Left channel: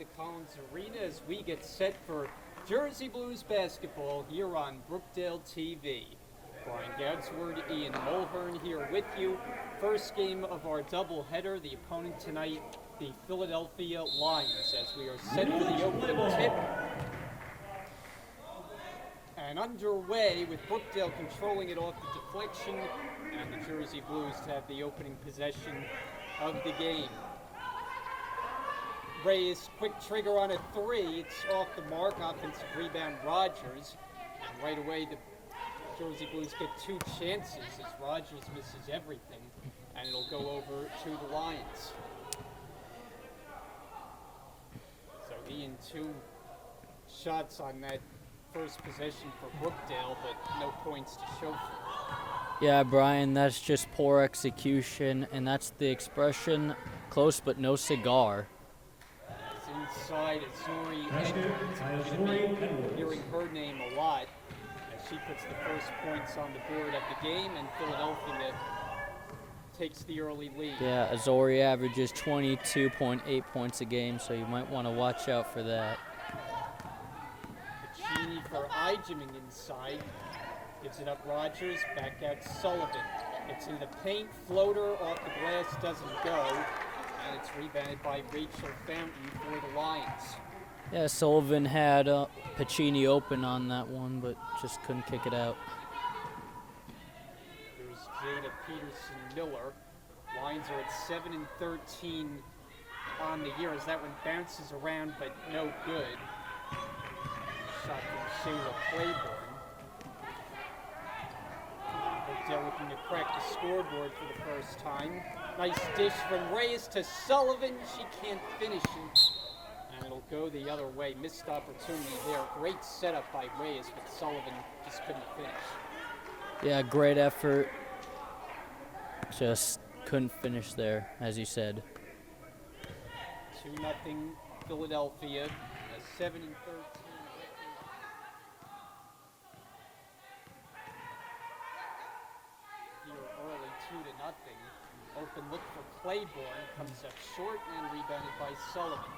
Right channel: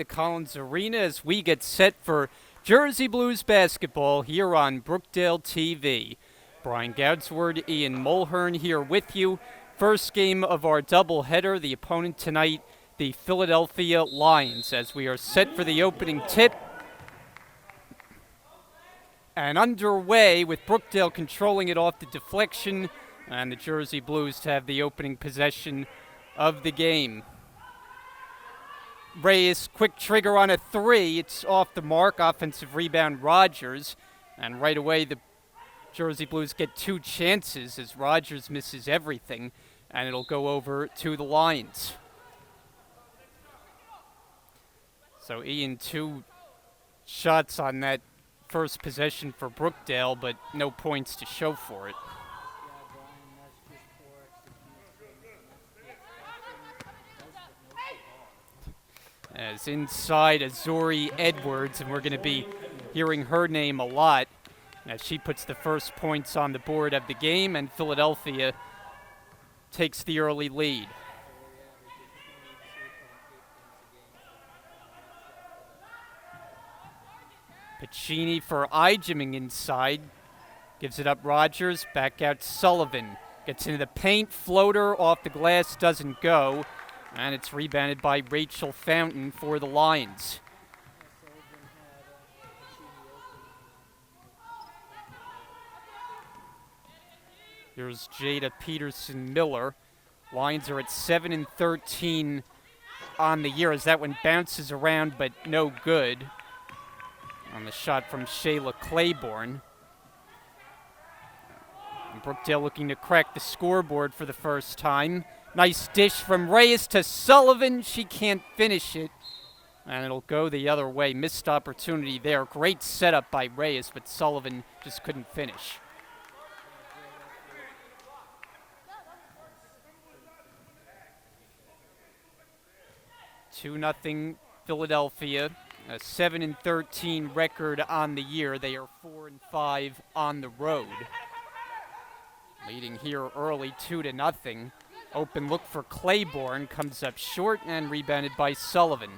the Collins Arena as we get set for Jersey Blues basketball here on Brookdale TV. Brian Goudsward, Ian Mulhern here with you. First game of our doubleheader. The opponent tonight, the Philadelphia Lions, as we are set for the opening tip. And underway with Brookdale controlling it off the deflection and the Jersey Blues to have the opening possession of the game. Reyes, quick trigger on a three. It's off the mark. Offensive rebound, Rogers. And right away, the Jersey Blues get two chances as Rogers misses everything. And it'll go over to the Lions. So Ian, two shots on that first possession for Brookdale, but no points to show for it. Yeah, Brian, that's just poor execution, and that's the expression, close but no cigar. As inside Azori Edwards, and we're going to be hearing her name a lot as she puts the first points on the board of the game, and Philadelphia takes the early lead. Yeah, Azori averages 22.8 points a game, so you might want to watch out for that. Piccini for Ijeming inside. Gives it up Rogers, back out Sullivan. Gets into the paint, floater off the glass, doesn't go. And it's rebounded by Rachel Fountain for the Lions. Yeah, Sullivan had Piccini open on that one, but just couldn't kick it out. Here's Jada Peterson-Miller. Lions are at 7-13 on the year as that one bounces around, but no good. On the shot from Shayla Claiborne. And Brookdale looking to crack the scoreboard for the first time. Nice dish from Reyes to Sullivan. She can't finish it. And it'll go the other way. Missed opportunity there. Great setup by Reyes, but Sullivan just couldn't finish. Yeah, great effort. Just couldn't finish there, as you said. 2-0 Philadelphia. A 7-13 record on the year. They are 4-5 on the road. Leading here early, 2-0. Open look for Claiborne, comes up short and rebounded by Sullivan.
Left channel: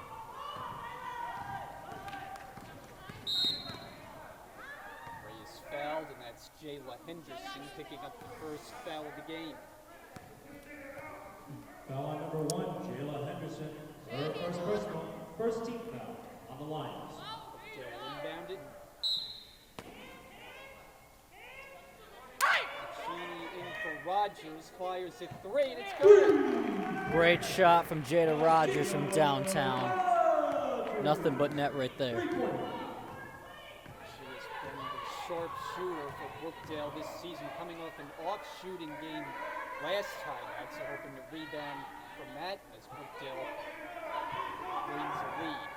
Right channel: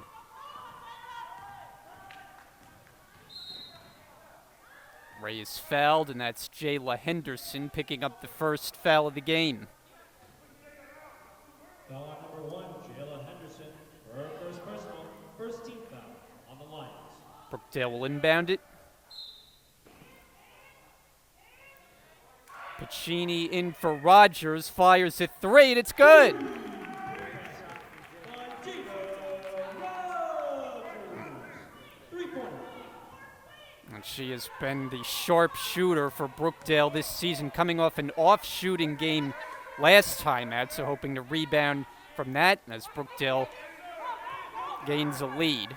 Reyes fouled, and that's Jayla Henderson picking up the first foul of the game. Foul number 1, Jayla Henderson. Her first personal, first team foul on the Lions. Brookdale will inbound it. Piccini in for Rogers, fires a three, and it's good. Great shot from Jada Rogers from downtown. Nothing but net right there. And she has been the sharp shooter for Brookdale this season, coming off an off-shooting game last time out, so hoping to rebound from that as Brookdale gains a lead.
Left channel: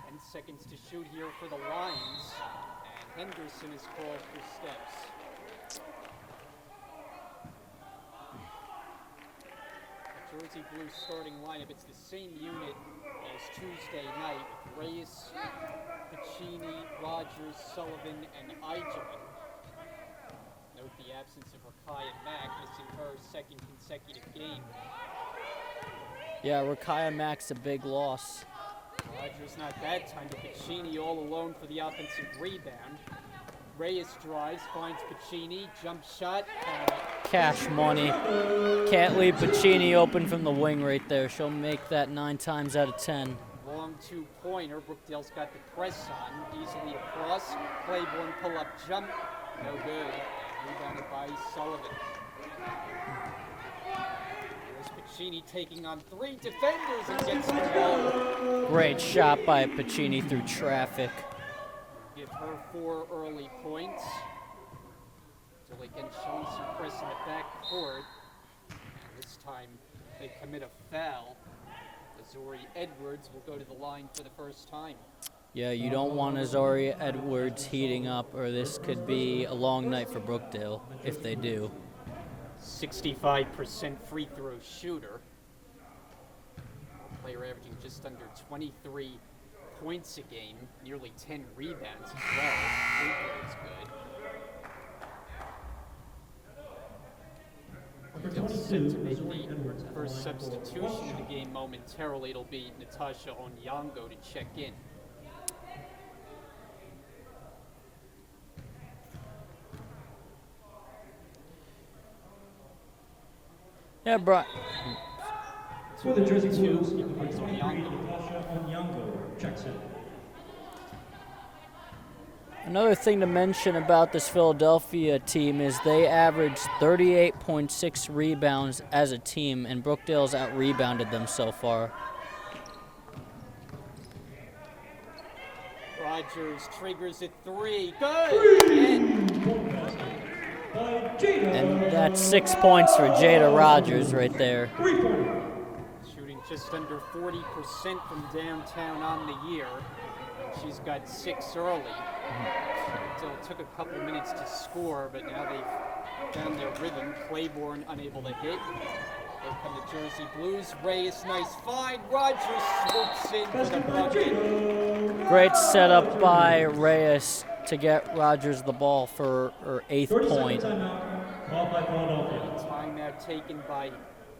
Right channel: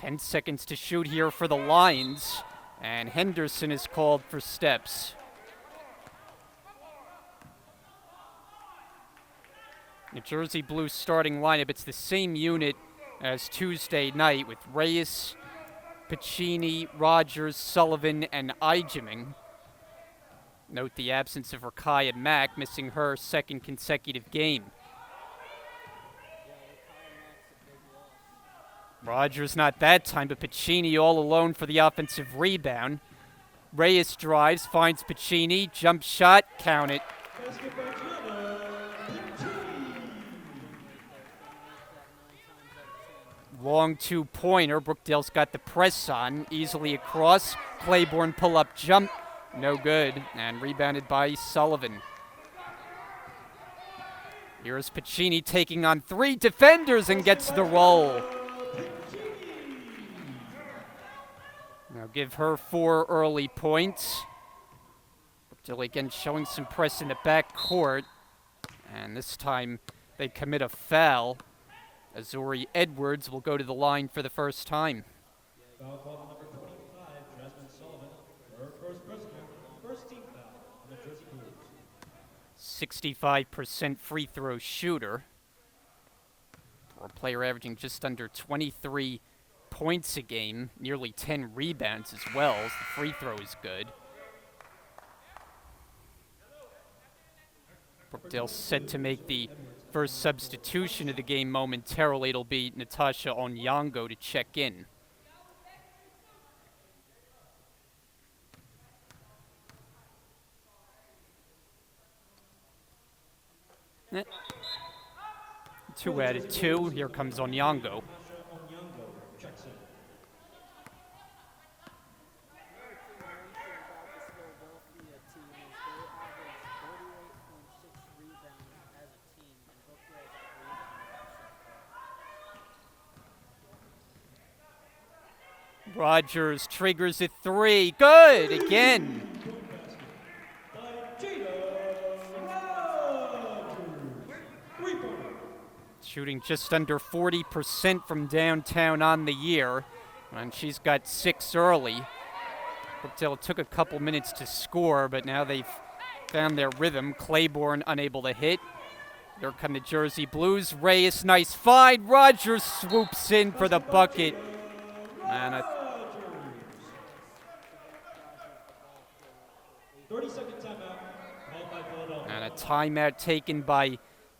10 seconds to shoot here for the Lions. And Henderson is called for steps. New Jersey Blues starting lineup, it's the same unit as Tuesday night with Reyes, Piccini, Rogers, Sullivan, and Ijeming. Note the absence of Rakaya Mack, missing her second consecutive game. Yeah, Rakaya Mack's a big loss. Rogers not that time, but Piccini all alone for the offensive rebound. Reyes drives, finds Piccini, jump shot, count it. Cash money. Can't leave Piccini open from the wing right there. She'll make that 9 times out of 10. Long two-pointer. Brookdale's got the press on, easily across. Claiborne pull-up jump, no good, and rebounded by Sullivan. Here's Piccini taking on 3 defenders and gets the roll. Great shot by Piccini through traffic. Now give her 4 early points. Brookdale again showing some press in the back court. And this time they commit a foul. Azori Edwards will go to the line for the first time. Yeah, you don't want Azori Edwards heating up, or this could be a long night for Brookdale if they do. 65% free throw shooter. For a player averaging just under 23 points a game, nearly 10 rebounds as well. Free throw is good. Brookdale set to make the first substitution of the game momentarily. It'll be Natasha Onyango to check in. Yeah, Brian. 2 out of 2. Here comes Onyango. Natasha Onyango checks in. Another thing to mention about this Philadelphia team is they averaged 38.6 rebounds as a team, and Brookdale's out-rebounded them so far. Rogers triggers a 3. Good again. And that's 6 points for Jada Rogers right there. Shooting just under 40% from downtown on the year, and she's got 6 early. It took a couple minutes to score, but now they've found their rhythm. Claiborne unable to hit. Here come the Jersey Blues. Reyes, nice find. Rogers swoops in for the bucket. Great setup by Reyes to get Rogers the ball for her 8th point. And a timeout taken by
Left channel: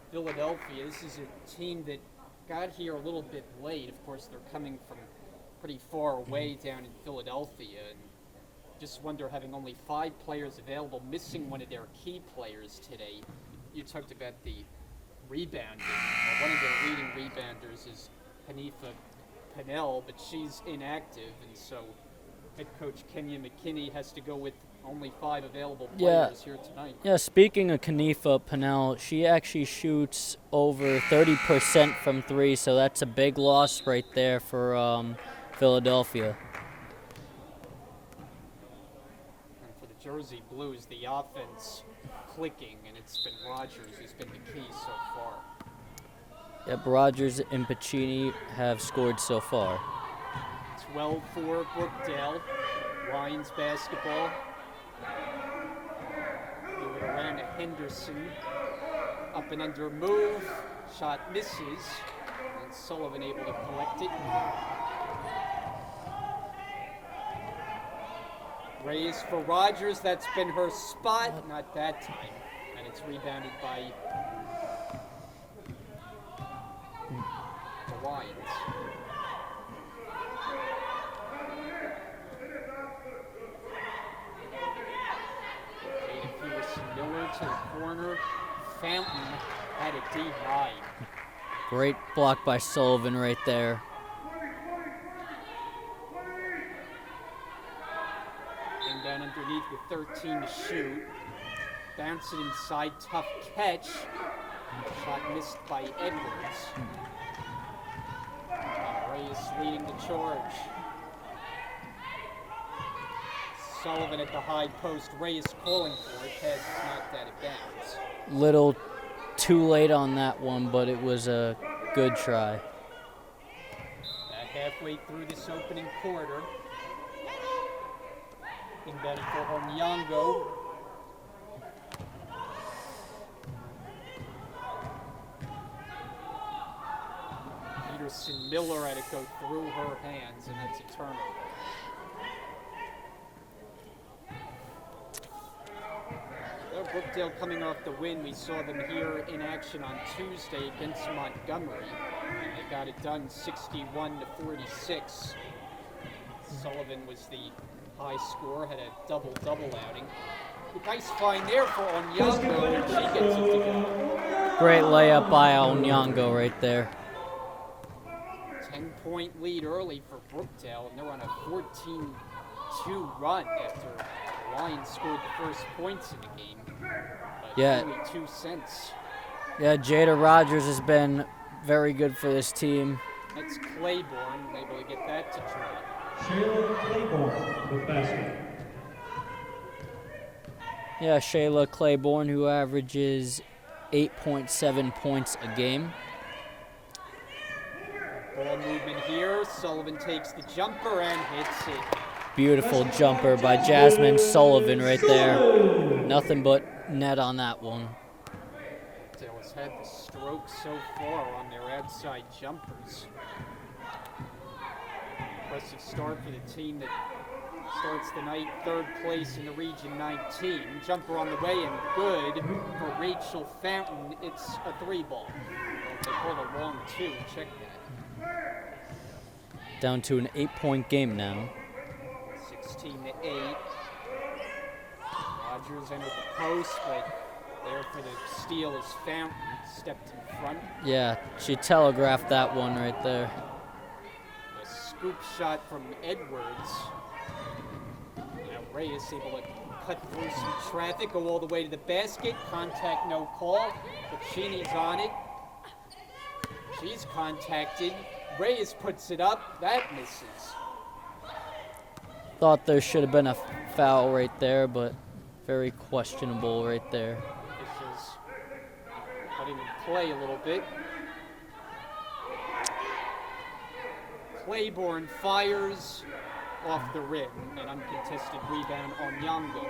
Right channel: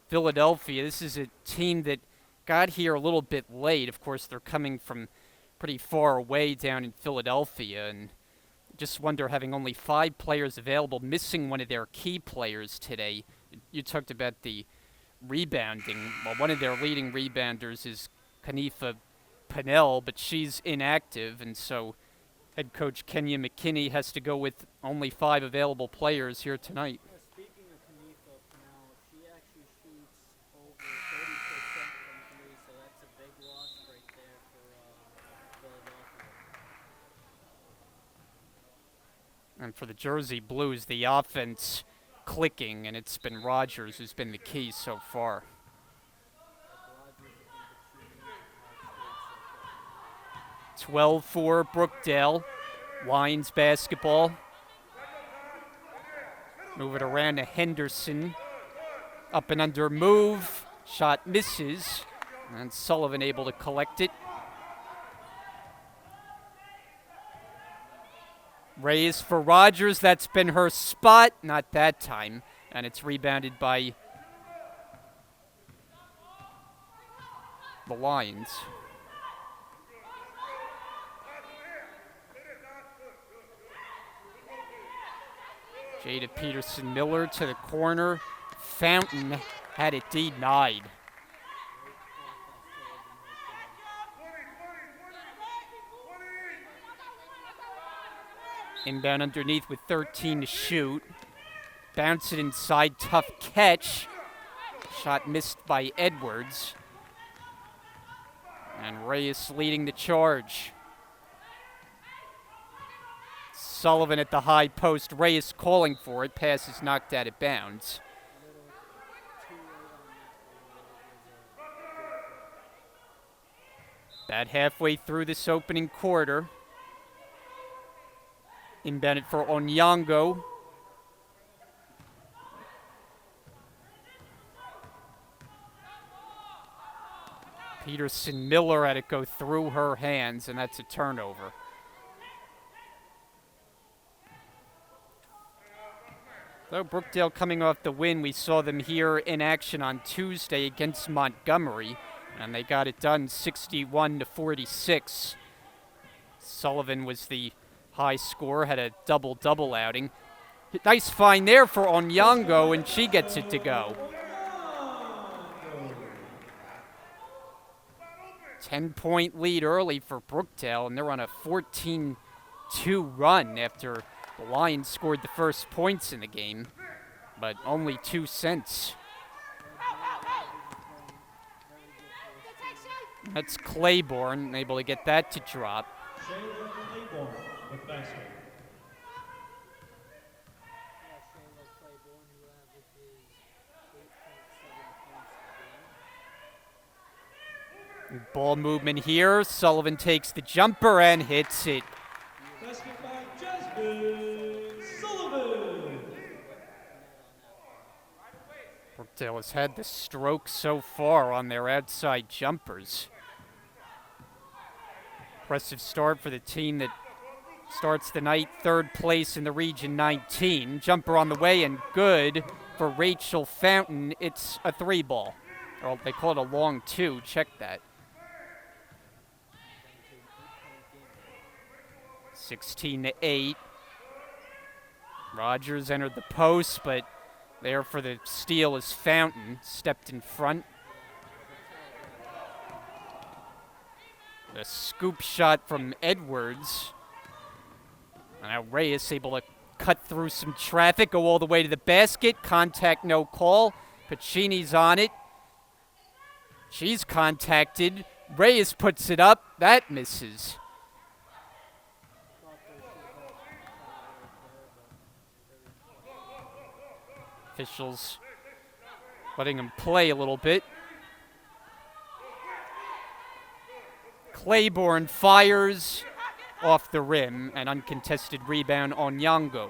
Philadelphia. This is a team that got here a little bit late. Of course, they're coming from pretty far away down in Philadelphia, and just wonder, having only 5 players available, missing one of their key players today. You talked about the rebounding. Well, one of their leading rebounders is Kanifa Pinnell, but she's inactive, and so head coach Kenya McKinney has to go with only 5 available players here tonight. Yeah, speaking of Kanifa Pinnell, she actually shoots over 30% from 3, so that's a big loss right there for Philadelphia. And for the Jersey Blues, the offense clicking, and it's been Rogers who's been the key so far. Yep, Rogers and Pacini have scored so far. 12-4 Brookdale. Wines basketball. Move it around to Henderson. Up and under move. Shot misses. And Sullivan able to collect it. Reyes for Rogers. That's been her spot. Not that time. And it's rebounded by the Lions. Jada Peterson-Miller to the corner. Fountain had it denied. Great block by Sullivan right there. Inbound underneath with 13 to shoot. Bounce it inside, tough catch. Shot missed by Edwards. And Reyes leading the charge. Sullivan at the high post. Reyes calling for it. Pass is knocked out of bounds. Little too late on that one, but it was a good try. About halfway through this opening quarter. Inbounded for Onyango. Peterson-Miller had it go through her hands, and that's a turnover. Though Brookdale coming off the win, we saw them here in action on Tuesday against Montgomery, and they got it done 61-46. Sullivan was the high scorer, had a double-double outing. Nice find there for Onyango, and she gets it to go. Great layup by Onyango right there. 10-point lead early for Brookdale, and they're on a 14-2 run after the Lions scored the first points in the game, but only 2 cents. Yeah, Jada Rogers has been very good for this team. That's Claiborne, able to get that to drop. Shayla Claiborne with basket. Yeah, Shayla Claiborne, who averages 8.7 points a game. Ball movement here. Sullivan takes the jumper and hits it. Beautiful jumper by Jasmine Sullivan right there. Nothing but net on that one. Brookdale has had the stroke so far on their outside jumpers. Impressive start for the team that starts the night 3rd place in the Region 19. Jumper on the way and good for Rachel Fountain. It's a 3-ball. Well, they call it a long 2. Check that. Down to an 8-point game now. 16-8. Rogers entered the post, but there for the steal is Fountain. Stepped in front. Yeah, she telegraphed that one right there. A scoop shot from Edwards. And now Reyes able to cut through some traffic, go all the way to the basket. Contact, no call. Pacini's on it. She's contacted. Reyes puts it up. That misses. Thought there should have been a foul right there, but very questionable right there. Officials letting him play a little bit. Claiborne fires off the rim, an uncontested rebound on Yango.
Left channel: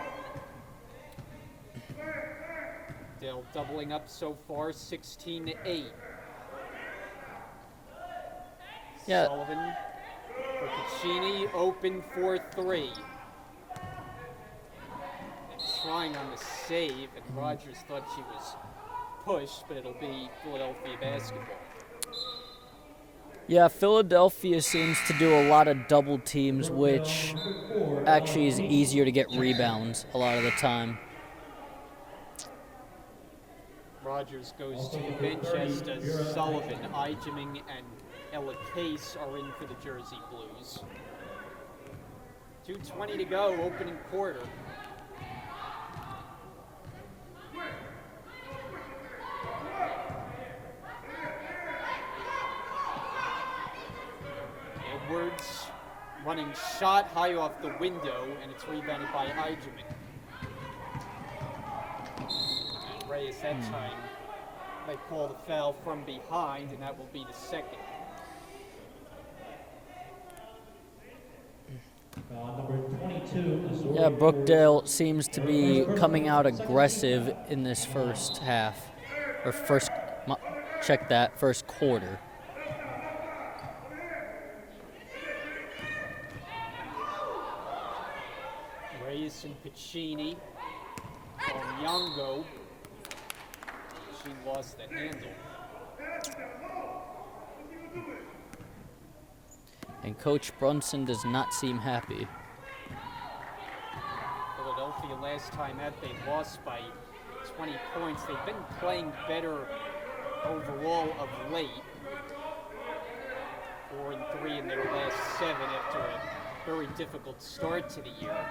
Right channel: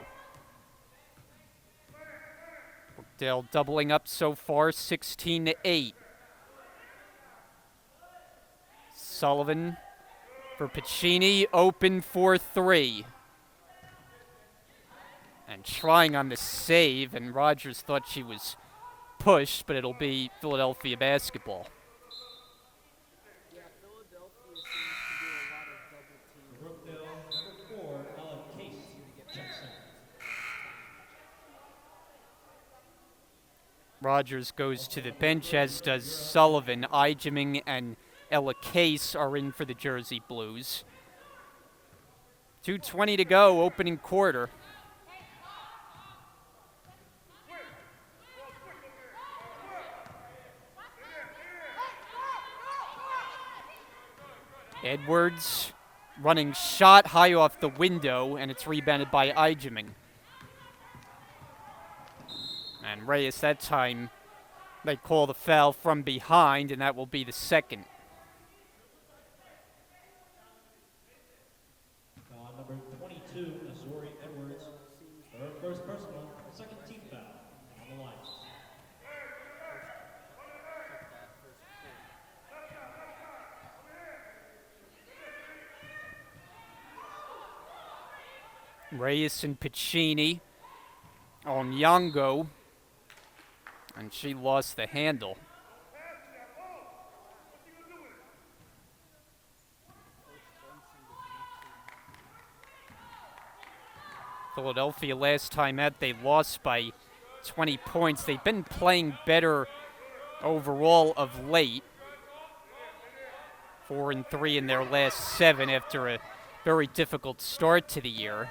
Brookdale doubling up so far, 16-8. Yeah. Sullivan for Pacini, open for 3. And trying on the save, and Rogers thought she was pushed, but it'll be Philadelphia basketball. Yeah, Philadelphia seems to do a lot of double teams, which actually is easier to get rebounds a lot of the time. Rogers goes to the bench, as does Sullivan. Ijeming and Ella Case are in for the Jersey Blues. 2:20 to go, opening quarter. Edwards running shot high off the window, and it's rebounded by Ijeming. And Reyes that time, they call the foul from behind, and that will be the second. Number 22, Azori Yeah, Brookdale seems to be coming out aggressive in this first half. Or check that, first quarter. Reyes and Pacini on Yango, and she lost the handle. And Coach Brunson does not seem happy. Philadelphia last time out, they lost by 20 points. They've been playing better overall of late. 4-3 in their last 7 after a very difficult start to the year.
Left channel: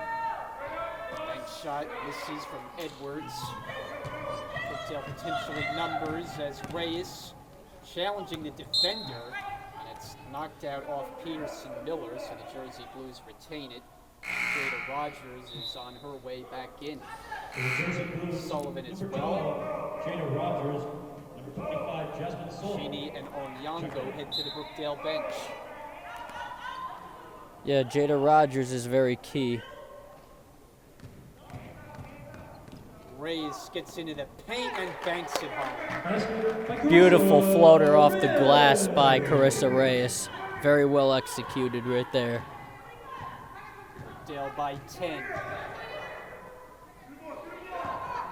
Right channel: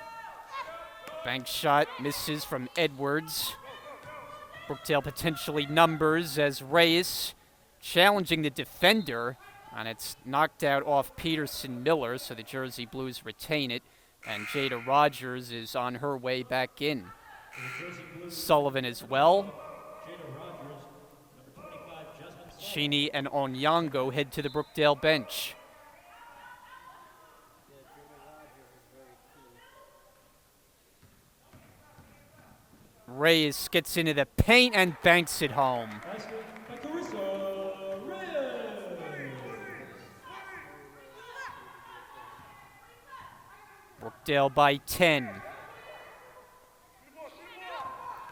Bank shot misses from Edwards. Brookdale potentially numbers as Reyes challenging the defender, and it's knocked out off Peterson Miller, so the Jersey Blues retain it, and Jada Rogers is on her way back in. Sullivan as well. Jada Rogers, number 25, Jasmine Sullivan. Sheeny and Onyango head to the Brookdale bench. Yeah, Jada Rogers is very key. Reyes gets into the paint and banks it home. Beautiful floater off the glass by Carissa Reyes. Very well executed right there. Brookdale by 10.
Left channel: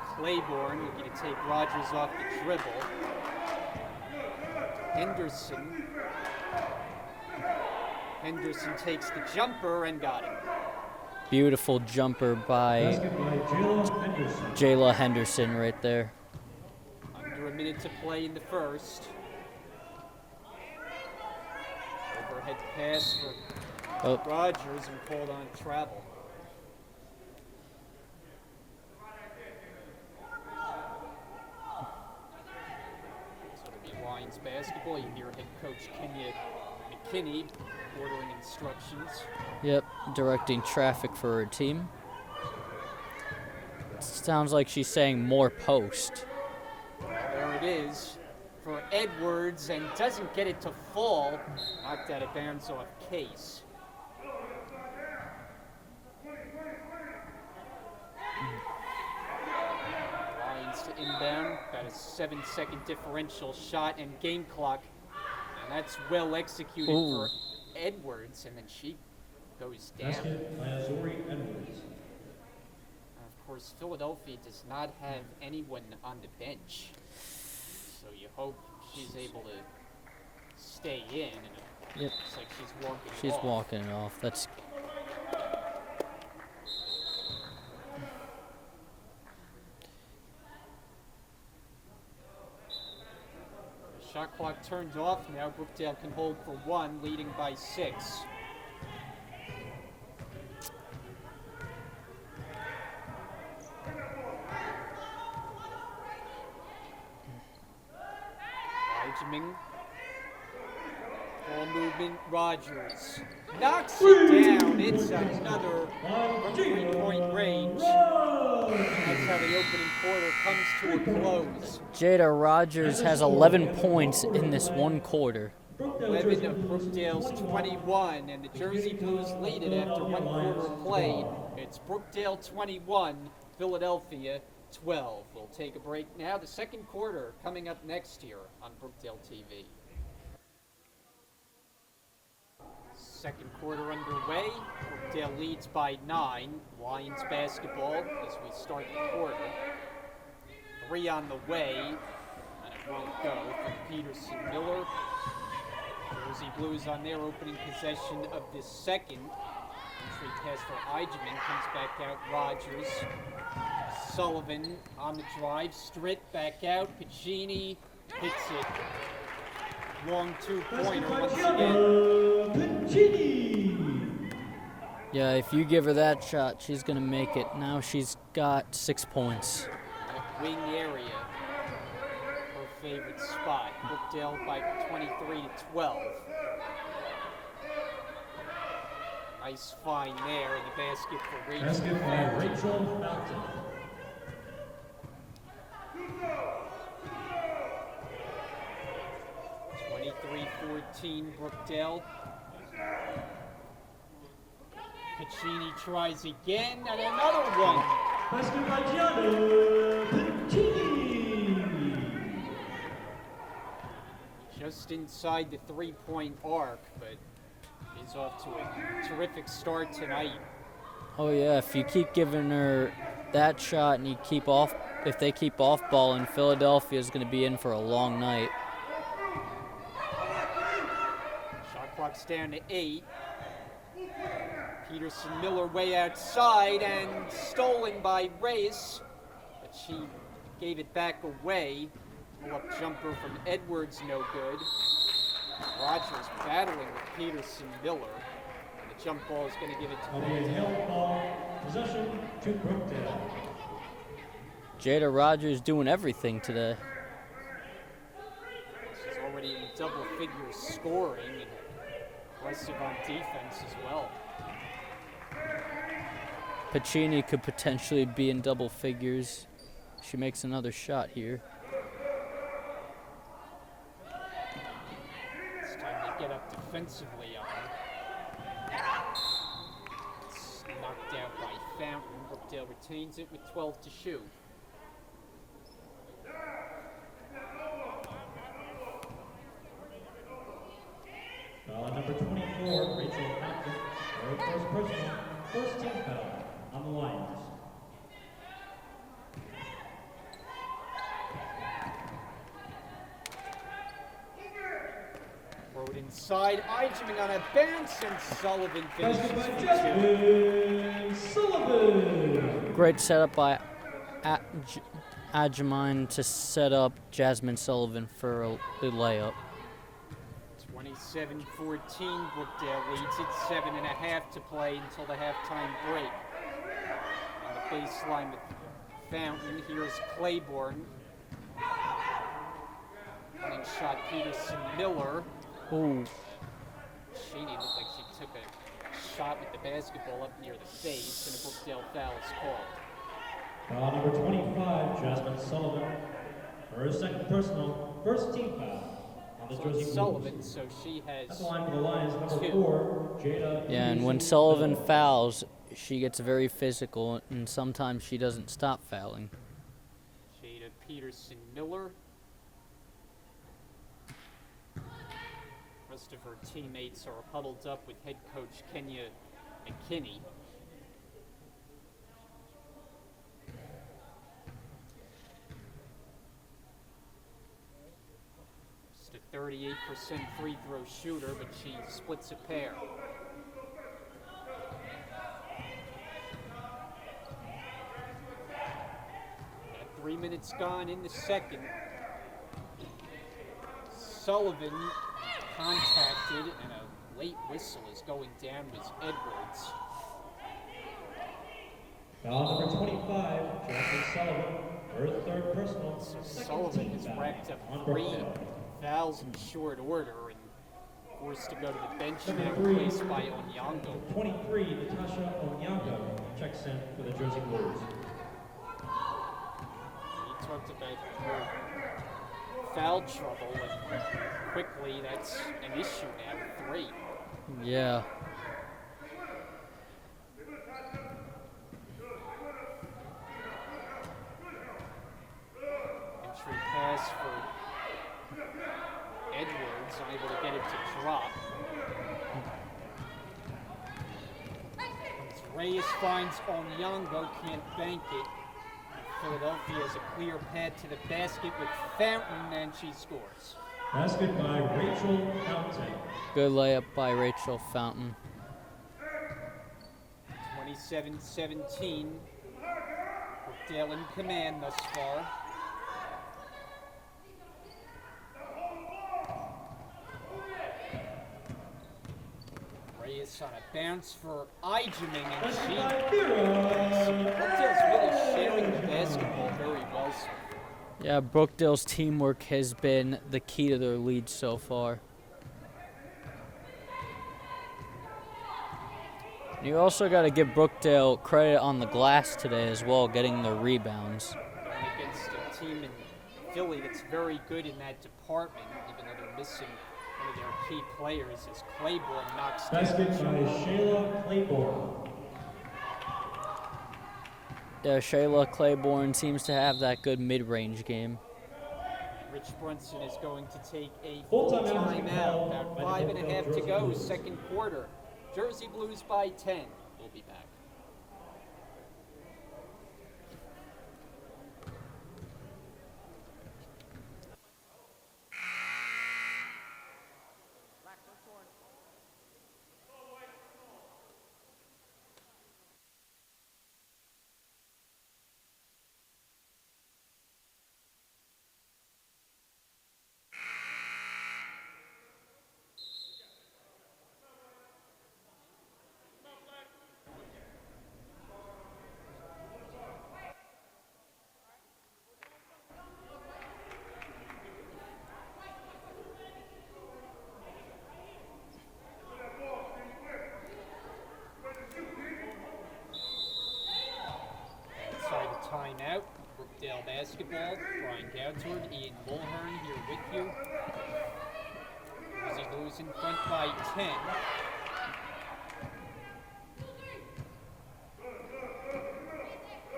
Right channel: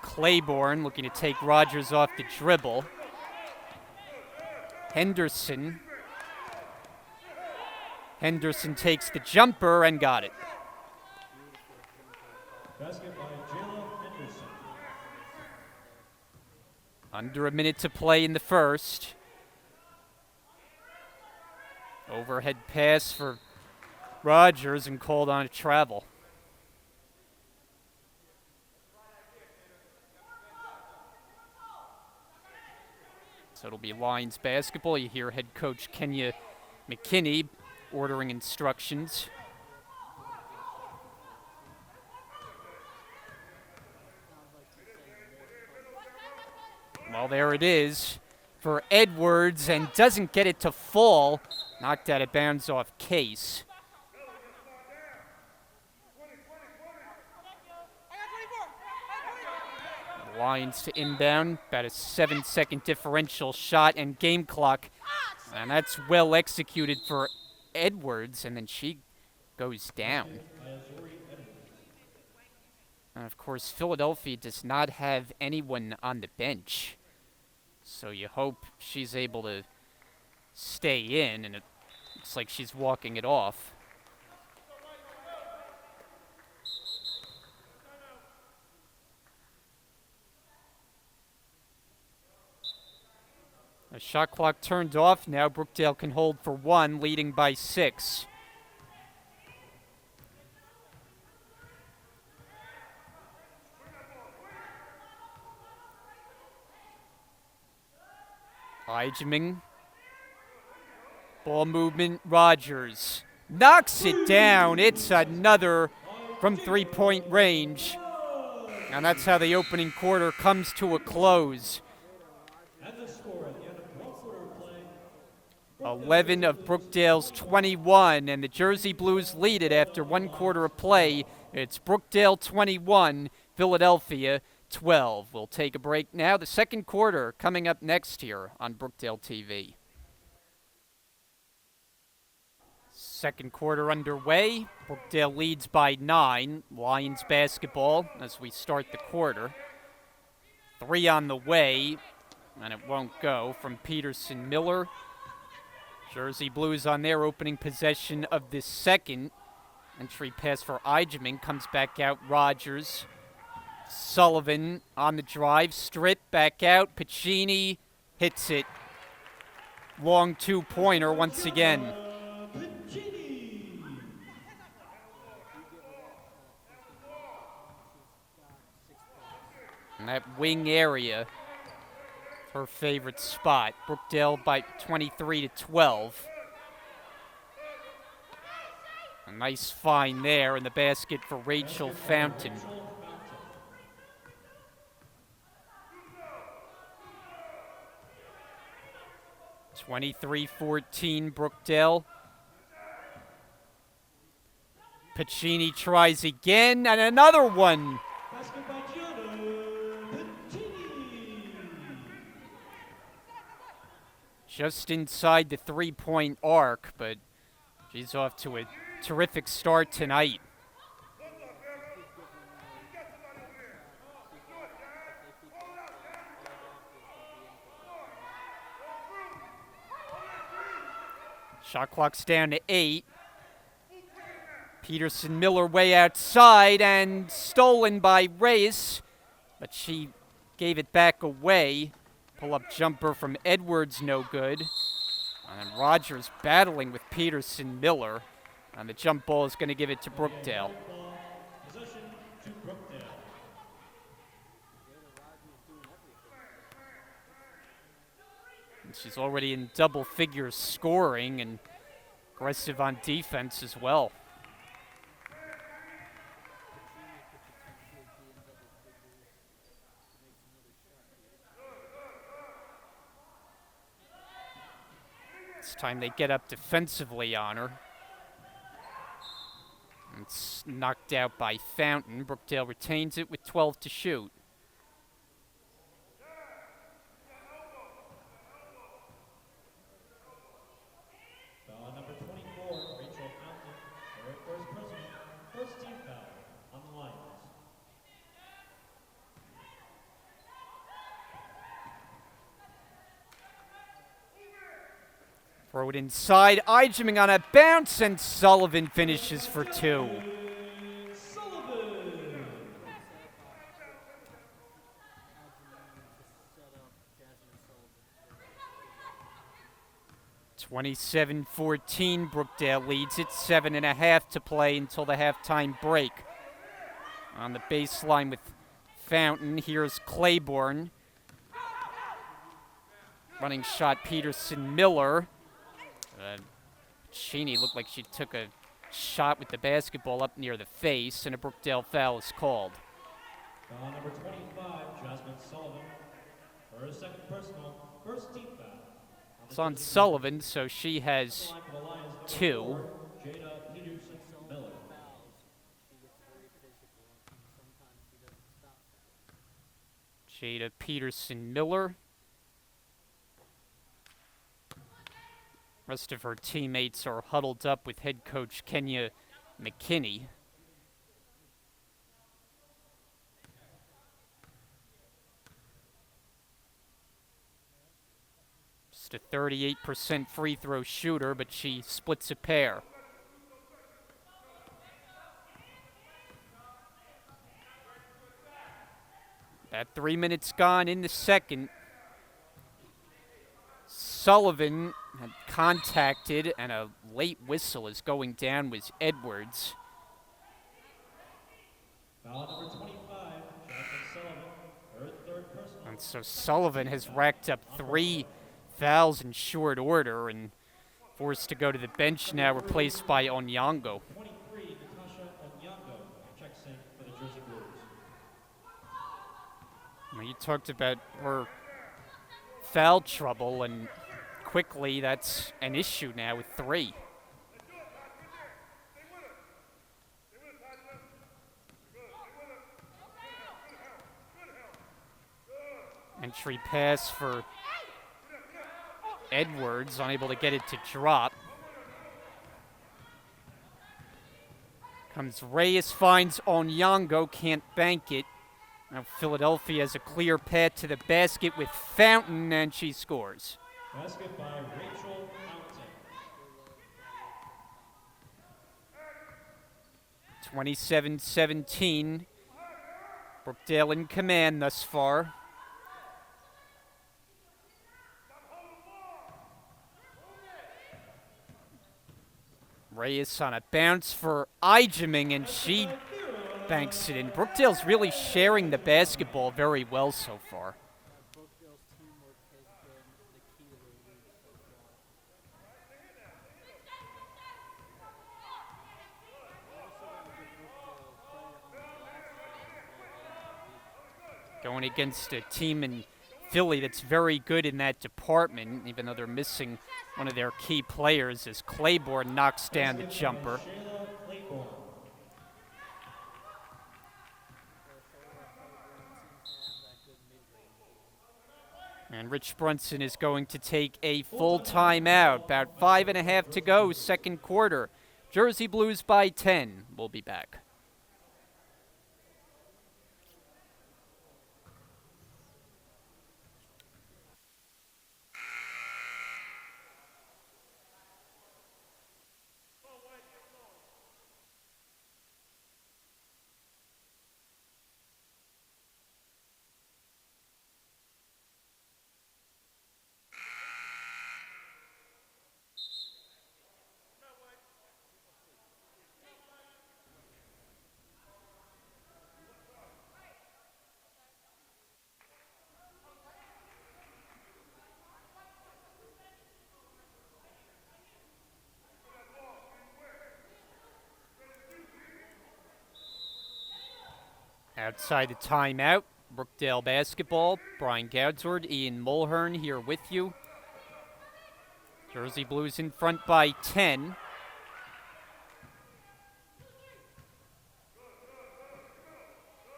Claiborne looking to take Rogers off the dribble. Henderson takes the jumper and got it. Beautiful jumper by Basket by Jayla Henderson. Jayla Henderson right there. Under a minute to play in the first. Overhead pass for Rogers and called on a travel. So it'll be Lions basketball. You hear head coach Kenya McKinney ordering instructions. Yep, directing traffic for her team. Sounds like she's saying more post. Well, there it is for Edwards, and doesn't get it to fall. Knocked out of bounds off Case. Lions to inbound, about a 7-second differential shot and game clock. And that's well executed for Edwards, and then she goes down. Basket by Azuri Edwards. And of course, Philadelphia does not have anyone on the bench. So you hope she's able to stay in, and it Yep. looks like she's walking it She's off. walking it off. That's The shot clock turned off now. Brookdale can hold for 1, leading by 6. Benjamin. Ball movement, Rogers. Knocks it down. It's another from three-point range. And that's how the opening quarter comes to a close. Jada Rogers has 11 points in this one quarter. 11 of Brookdale's 21, and the Jersey Blues lead it after 1 quarter of play. It's Brookdale 21, Philadelphia 12. We'll take a break now. The second quarter coming up next here on Brookdale TV. Second quarter underway. Brookdale leads by 9. Lions basketball as we start the quarter. 3 on the way, and it won't go from Peterson Miller. Jersey Blues on their opening possession of this second. Entry pass for Eichmann comes back out. Rogers. Sullivan on the drive. Stritt back out. Piccini hits it. Long two-pointer once again. Yeah, if you give her that shot, she's going to make it. Now she's got 6 points. In that wing area, her favorite spot. Brookdale by 23-12. A nice find there in the basket for Rachel Fountain. 23-14 Brookdale. Piccini tries again, and another one. Just inside the three-point arc, but she's off to a terrific start tonight. Oh yeah, if you keep giving her that shot and you keep off, if they keep off balling, Philadelphia is going to be in for a long night. Shot clock's down to 8. Peterson Miller way outside and stolen by Reyes, but she gave it back away. Pull-up jumper from Edwards, no good. And Rogers battling with Peterson Miller, and the jump ball is going to give it to Brookdale. Possession to Brookdale. Jada Rogers doing everything today. She's already in double figures scoring and aggressive on defense as well. Piccini could potentially be in double figures. She makes another shot here. It's time they get up defensively on her. It's knocked out by Fountain. Brookdale retains it with 12 to shoot. Foul on number 24, Rachel Fountain. Her first personal, first team foul on the Lions. Throw it inside. Eichmann on a bounce, and Sullivan finishes for 2. Sullivan. Great setup by Ajamine to set up Jasmine Sullivan for a layup. 27-14, Brookdale leads it. 7.5 to play until the halftime break. On the baseline with Fountain, here's Claiborne. Running shot, Peterson Miller. Ooh. Sheeny looked like she took a shot with the basketball up near the face, and a Brookdale foul is called. Foul number 25, Jasmine Sullivan. Her second personal, first team foul. It's on Sullivan, so she has 2. 4, Jada. Yeah, and when Sullivan fouls, she gets very physical, and sometimes she doesn't stop fouling. Jada Peterson Miller. Rest of her teammates are huddled up with head coach Kenya McKinney. Just a 38% free throw shooter, but she splits a pair. At 3 minutes gone in the second, Sullivan contacted, and a late whistle is going down with Edwards. Foul number 25, Jackie Sullivan, her third personal. So Sullivan has racked up 3 fouls in short order and forced to go to the bench now, replaced by Onyango. 23, Natasha Onyango checks in for the Jersey Blues. You talked about her foul trouble, and quickly that's an issue now with 3. Yeah. Entry pass for Edwards, unable to get it to drop. Comes Reyes, finds Onyango, can't bank it. Now Philadelphia has a clear path to the basket with Fountain, and she scores. Basket by Rachel Fountain. Good layup by Rachel Fountain. 27-17. Brookdale in command thus far. Reyes on a bounce for Ijeming, and she banks it in. Brookdale's really sharing the basketball very well so far. Yeah, Brookdale's teamwork has been the key to their lead so far. You also got to give Brookdale credit on the glass today as well, getting the rebounds. Going against a team in Philly that's very good in that department, even though they're missing one of their key players, as Claiborne knocks down the jumper. Yeah, Shayla Claiborne seems to have that good mid-range game. And Rich Brunson is going to take a full timeout. About 5.5 to go, second quarter. Jersey Blues by 10. We'll be back. Outside the timeout, Brookdale basketball. Brian Goudsward, Ian Mulhern here with you. Jersey Blues in front by 10.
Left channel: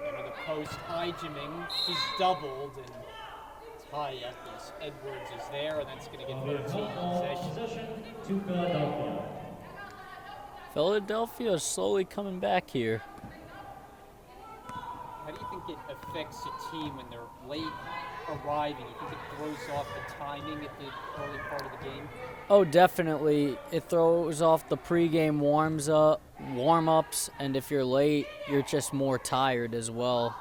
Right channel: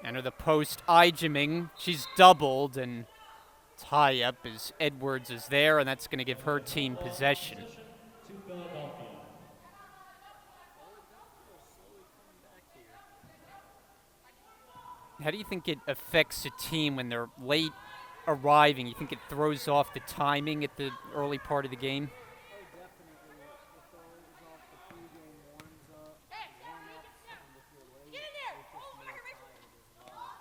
Enter the post, Ijeming. She's doubled, and tie up as Edwards is there, and that's going to give her team possession. To Philadelphia. Philadelphia is slowly coming back here. How do you think it affects a team when they're late arriving? You think it throws off the timing at the early part of the game? Oh, definitely. It throws off the pregame warm-ups, and if you're late, you're just more tired as well.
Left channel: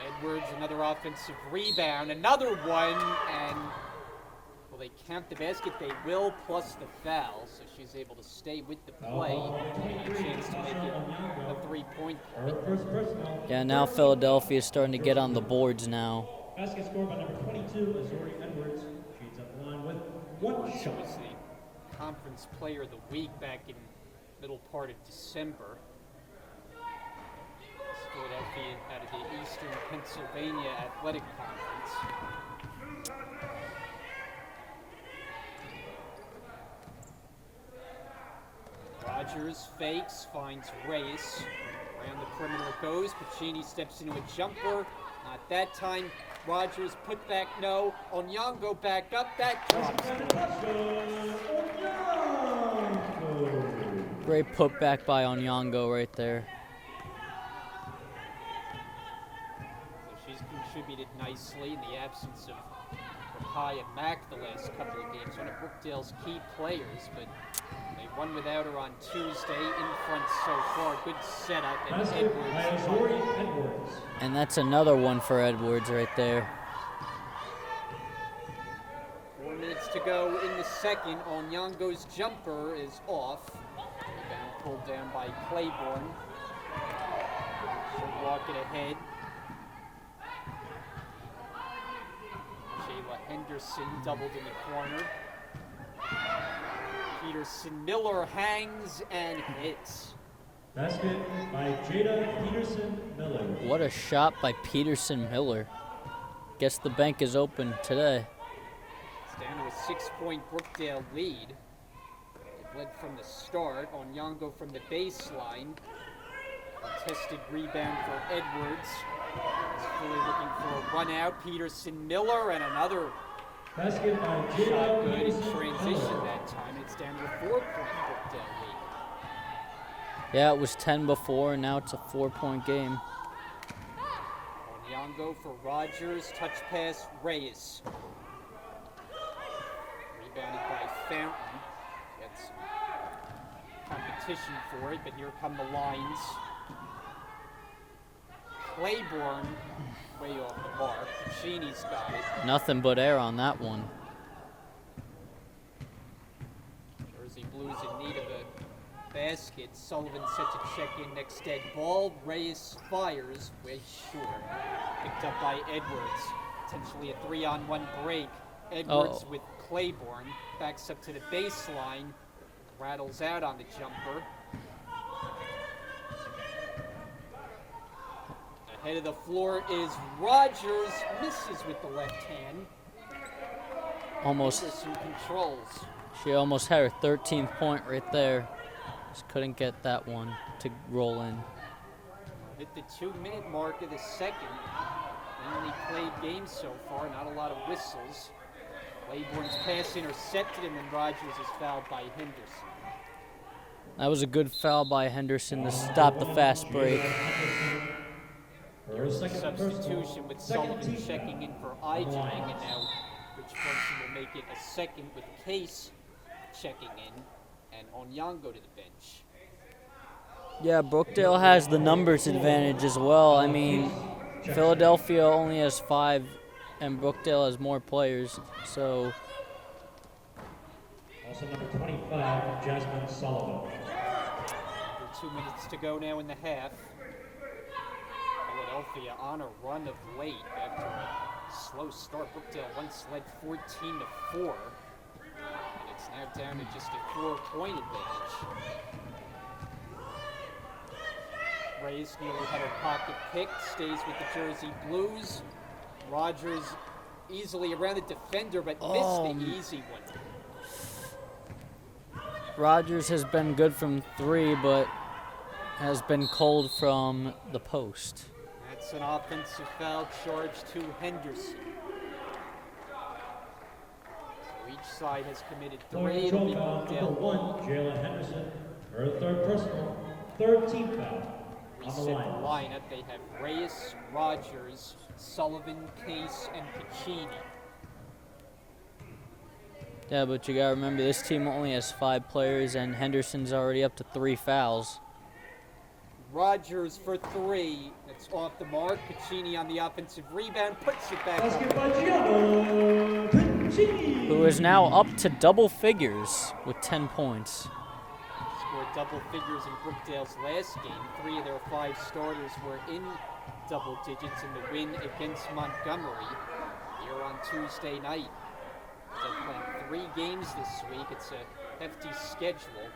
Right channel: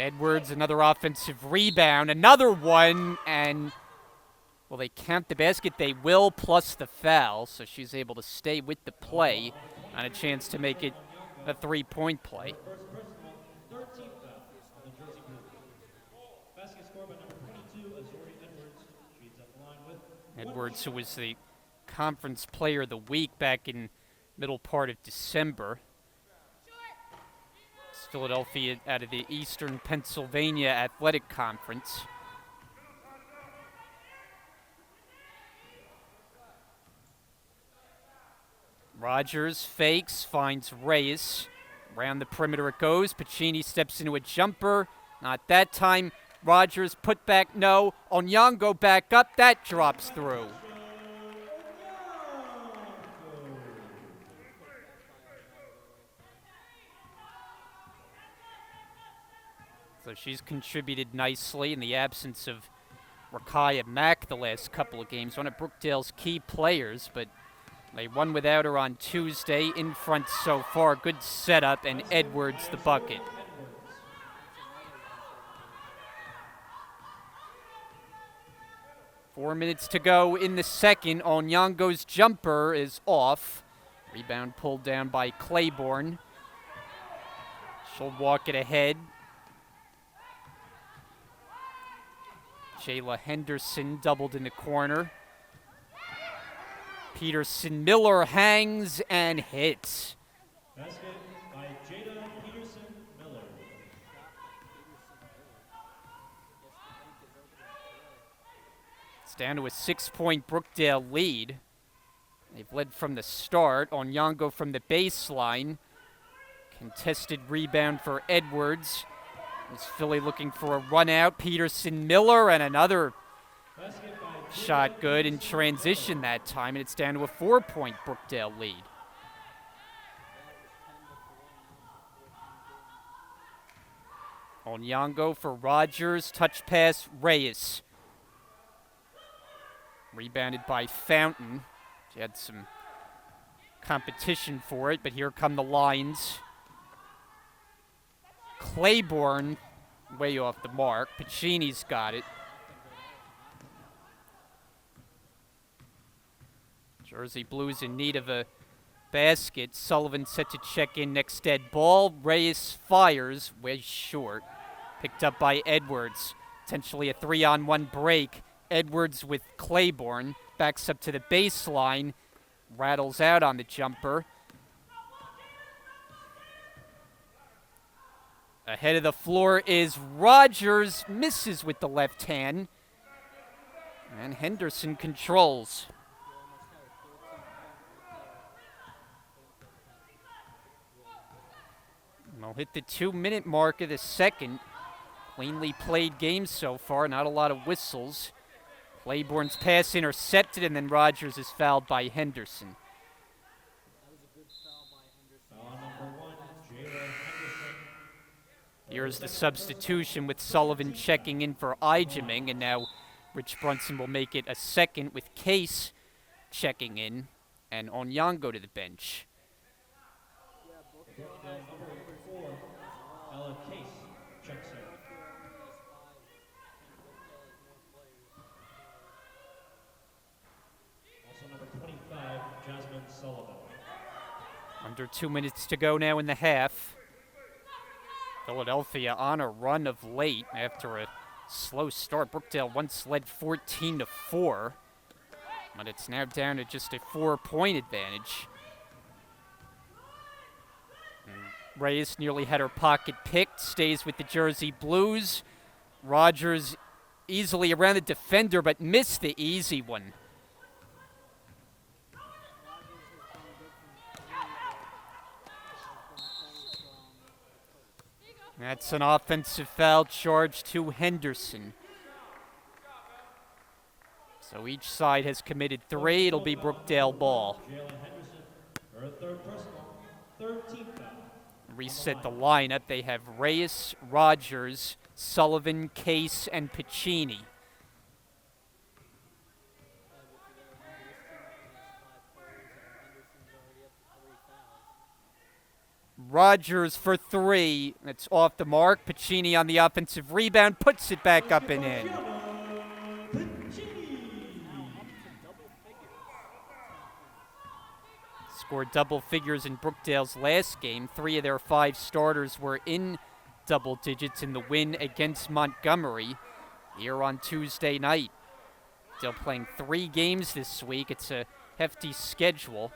Edwards, another offensive rebound, another one, and well, they count the basket. They will, plus the foul, so she's able to stay with the play on a chance to make it a three-point play. Yeah, now Philadelphia is starting to get on the boards now. Basket scored by number 22, Azuri Edwards. She's at the line with Edwards, who was the conference player of the week back in middle part of December. It's Philadelphia out of the Eastern Pennsylvania Athletic Conference. Rogers fakes, finds Reyes. Around the perimeter it goes. Pacini steps into a jumper. Not that time. Rogers put back, no. Onyango back up. That drops through. Great putback by Onyango right there. So she's contributed nicely in the absence of Rakaya Mack the last couple of games, one of Brookdale's key players, but they won without her on Tuesday. In front so far, good setup, and Edwards the bucket. And that's another one for Edwards right there. 4 minutes to go in the second. Onyango's jumper is off. Rebound pulled down by Claiborne. She'll walk it ahead. Jayla Henderson doubled in the corner. Peterson Miller hangs and hits. Basket by Jada Peterson Miller. What a shot by Peterson Miller. Guess the bank is open today. It's down to a 6-point Brookdale lead. They've led from the start. Onyango from the baseline. Contested rebound for Edwards. Is Philly looking for a run out? Peterson Miller and another Basket by Jada shot good in Peterson transition Miller. that time, and it's down to a 4-point Brookdale lead. Yeah, it was 10 before, and now it's a 4-point game. Onyango for Rogers. Touch pass, Reyes. Rebounded by Fountain. She had some competition for it, but here come the lines. Claiborne way off the mark. Pacini's got it. Nothing but air on that one. Jersey Blues in need of a basket. Sullivan set to check in next dead ball. Reyes fires, way short. Picked up by Edwards. Potentially a 3-on-1 break. Edwards with Claiborne. Backs up to the baseline. Rattles out on the jumper. Ahead of the floor is Rogers. Misses with the left hand. And Almost. Henderson controls. She almost had her 13th point right there. Just couldn't get that one to roll in. We'll hit the 2-minute mark of the second. Cleanly played game so far, not a lot of whistles. Claiborne's pass intercepted, and then Rogers is fouled by Henderson. That was a good foul by Henderson to stop the fast break. Here's the substitution with Sullivan checking in for Ijeming, and now Rich Brunson will make it a second with Case checking in, and Onyango to the bench. Yeah, Brookdale has the numbers advantage as well. I mean, Philadelphia only has 5, and Brookdale has more players. So Also number 25, Jasmine Sullivan. Under 2 minutes to go now in the half. Philadelphia on a run of late after a slow start. Brookdale once led 14-4, but it's now down to just a 4-point advantage. And Reyes nearly had her pocket picked, stays with the Jersey Blues. Rogers easily around the defender, but missed the easy one. Rogers has been good from 3, but has been cold from the post. That's an offensive foul charge to Henderson. So each side has committed 3. It'll be Brookdale ball. Jalen Henderson, her third personal, 13th foul. Reset the lineup. They have Reyes, Rogers, Sullivan, Case, and Pacini. Yeah, but you gotta remember this team only has 5 players, and Henderson's already up to 3 fouls. Rogers for 3. That's off the mark. Pacini on the offensive rebound, puts it back up and in. Who is now up to double figures with 10 points. Scored double figures in Brookdale's last game. 3 of their 5 starters were in double digits in the win against Montgomery here on Tuesday night. Still playing 3 games this week. It's a hefty schedule.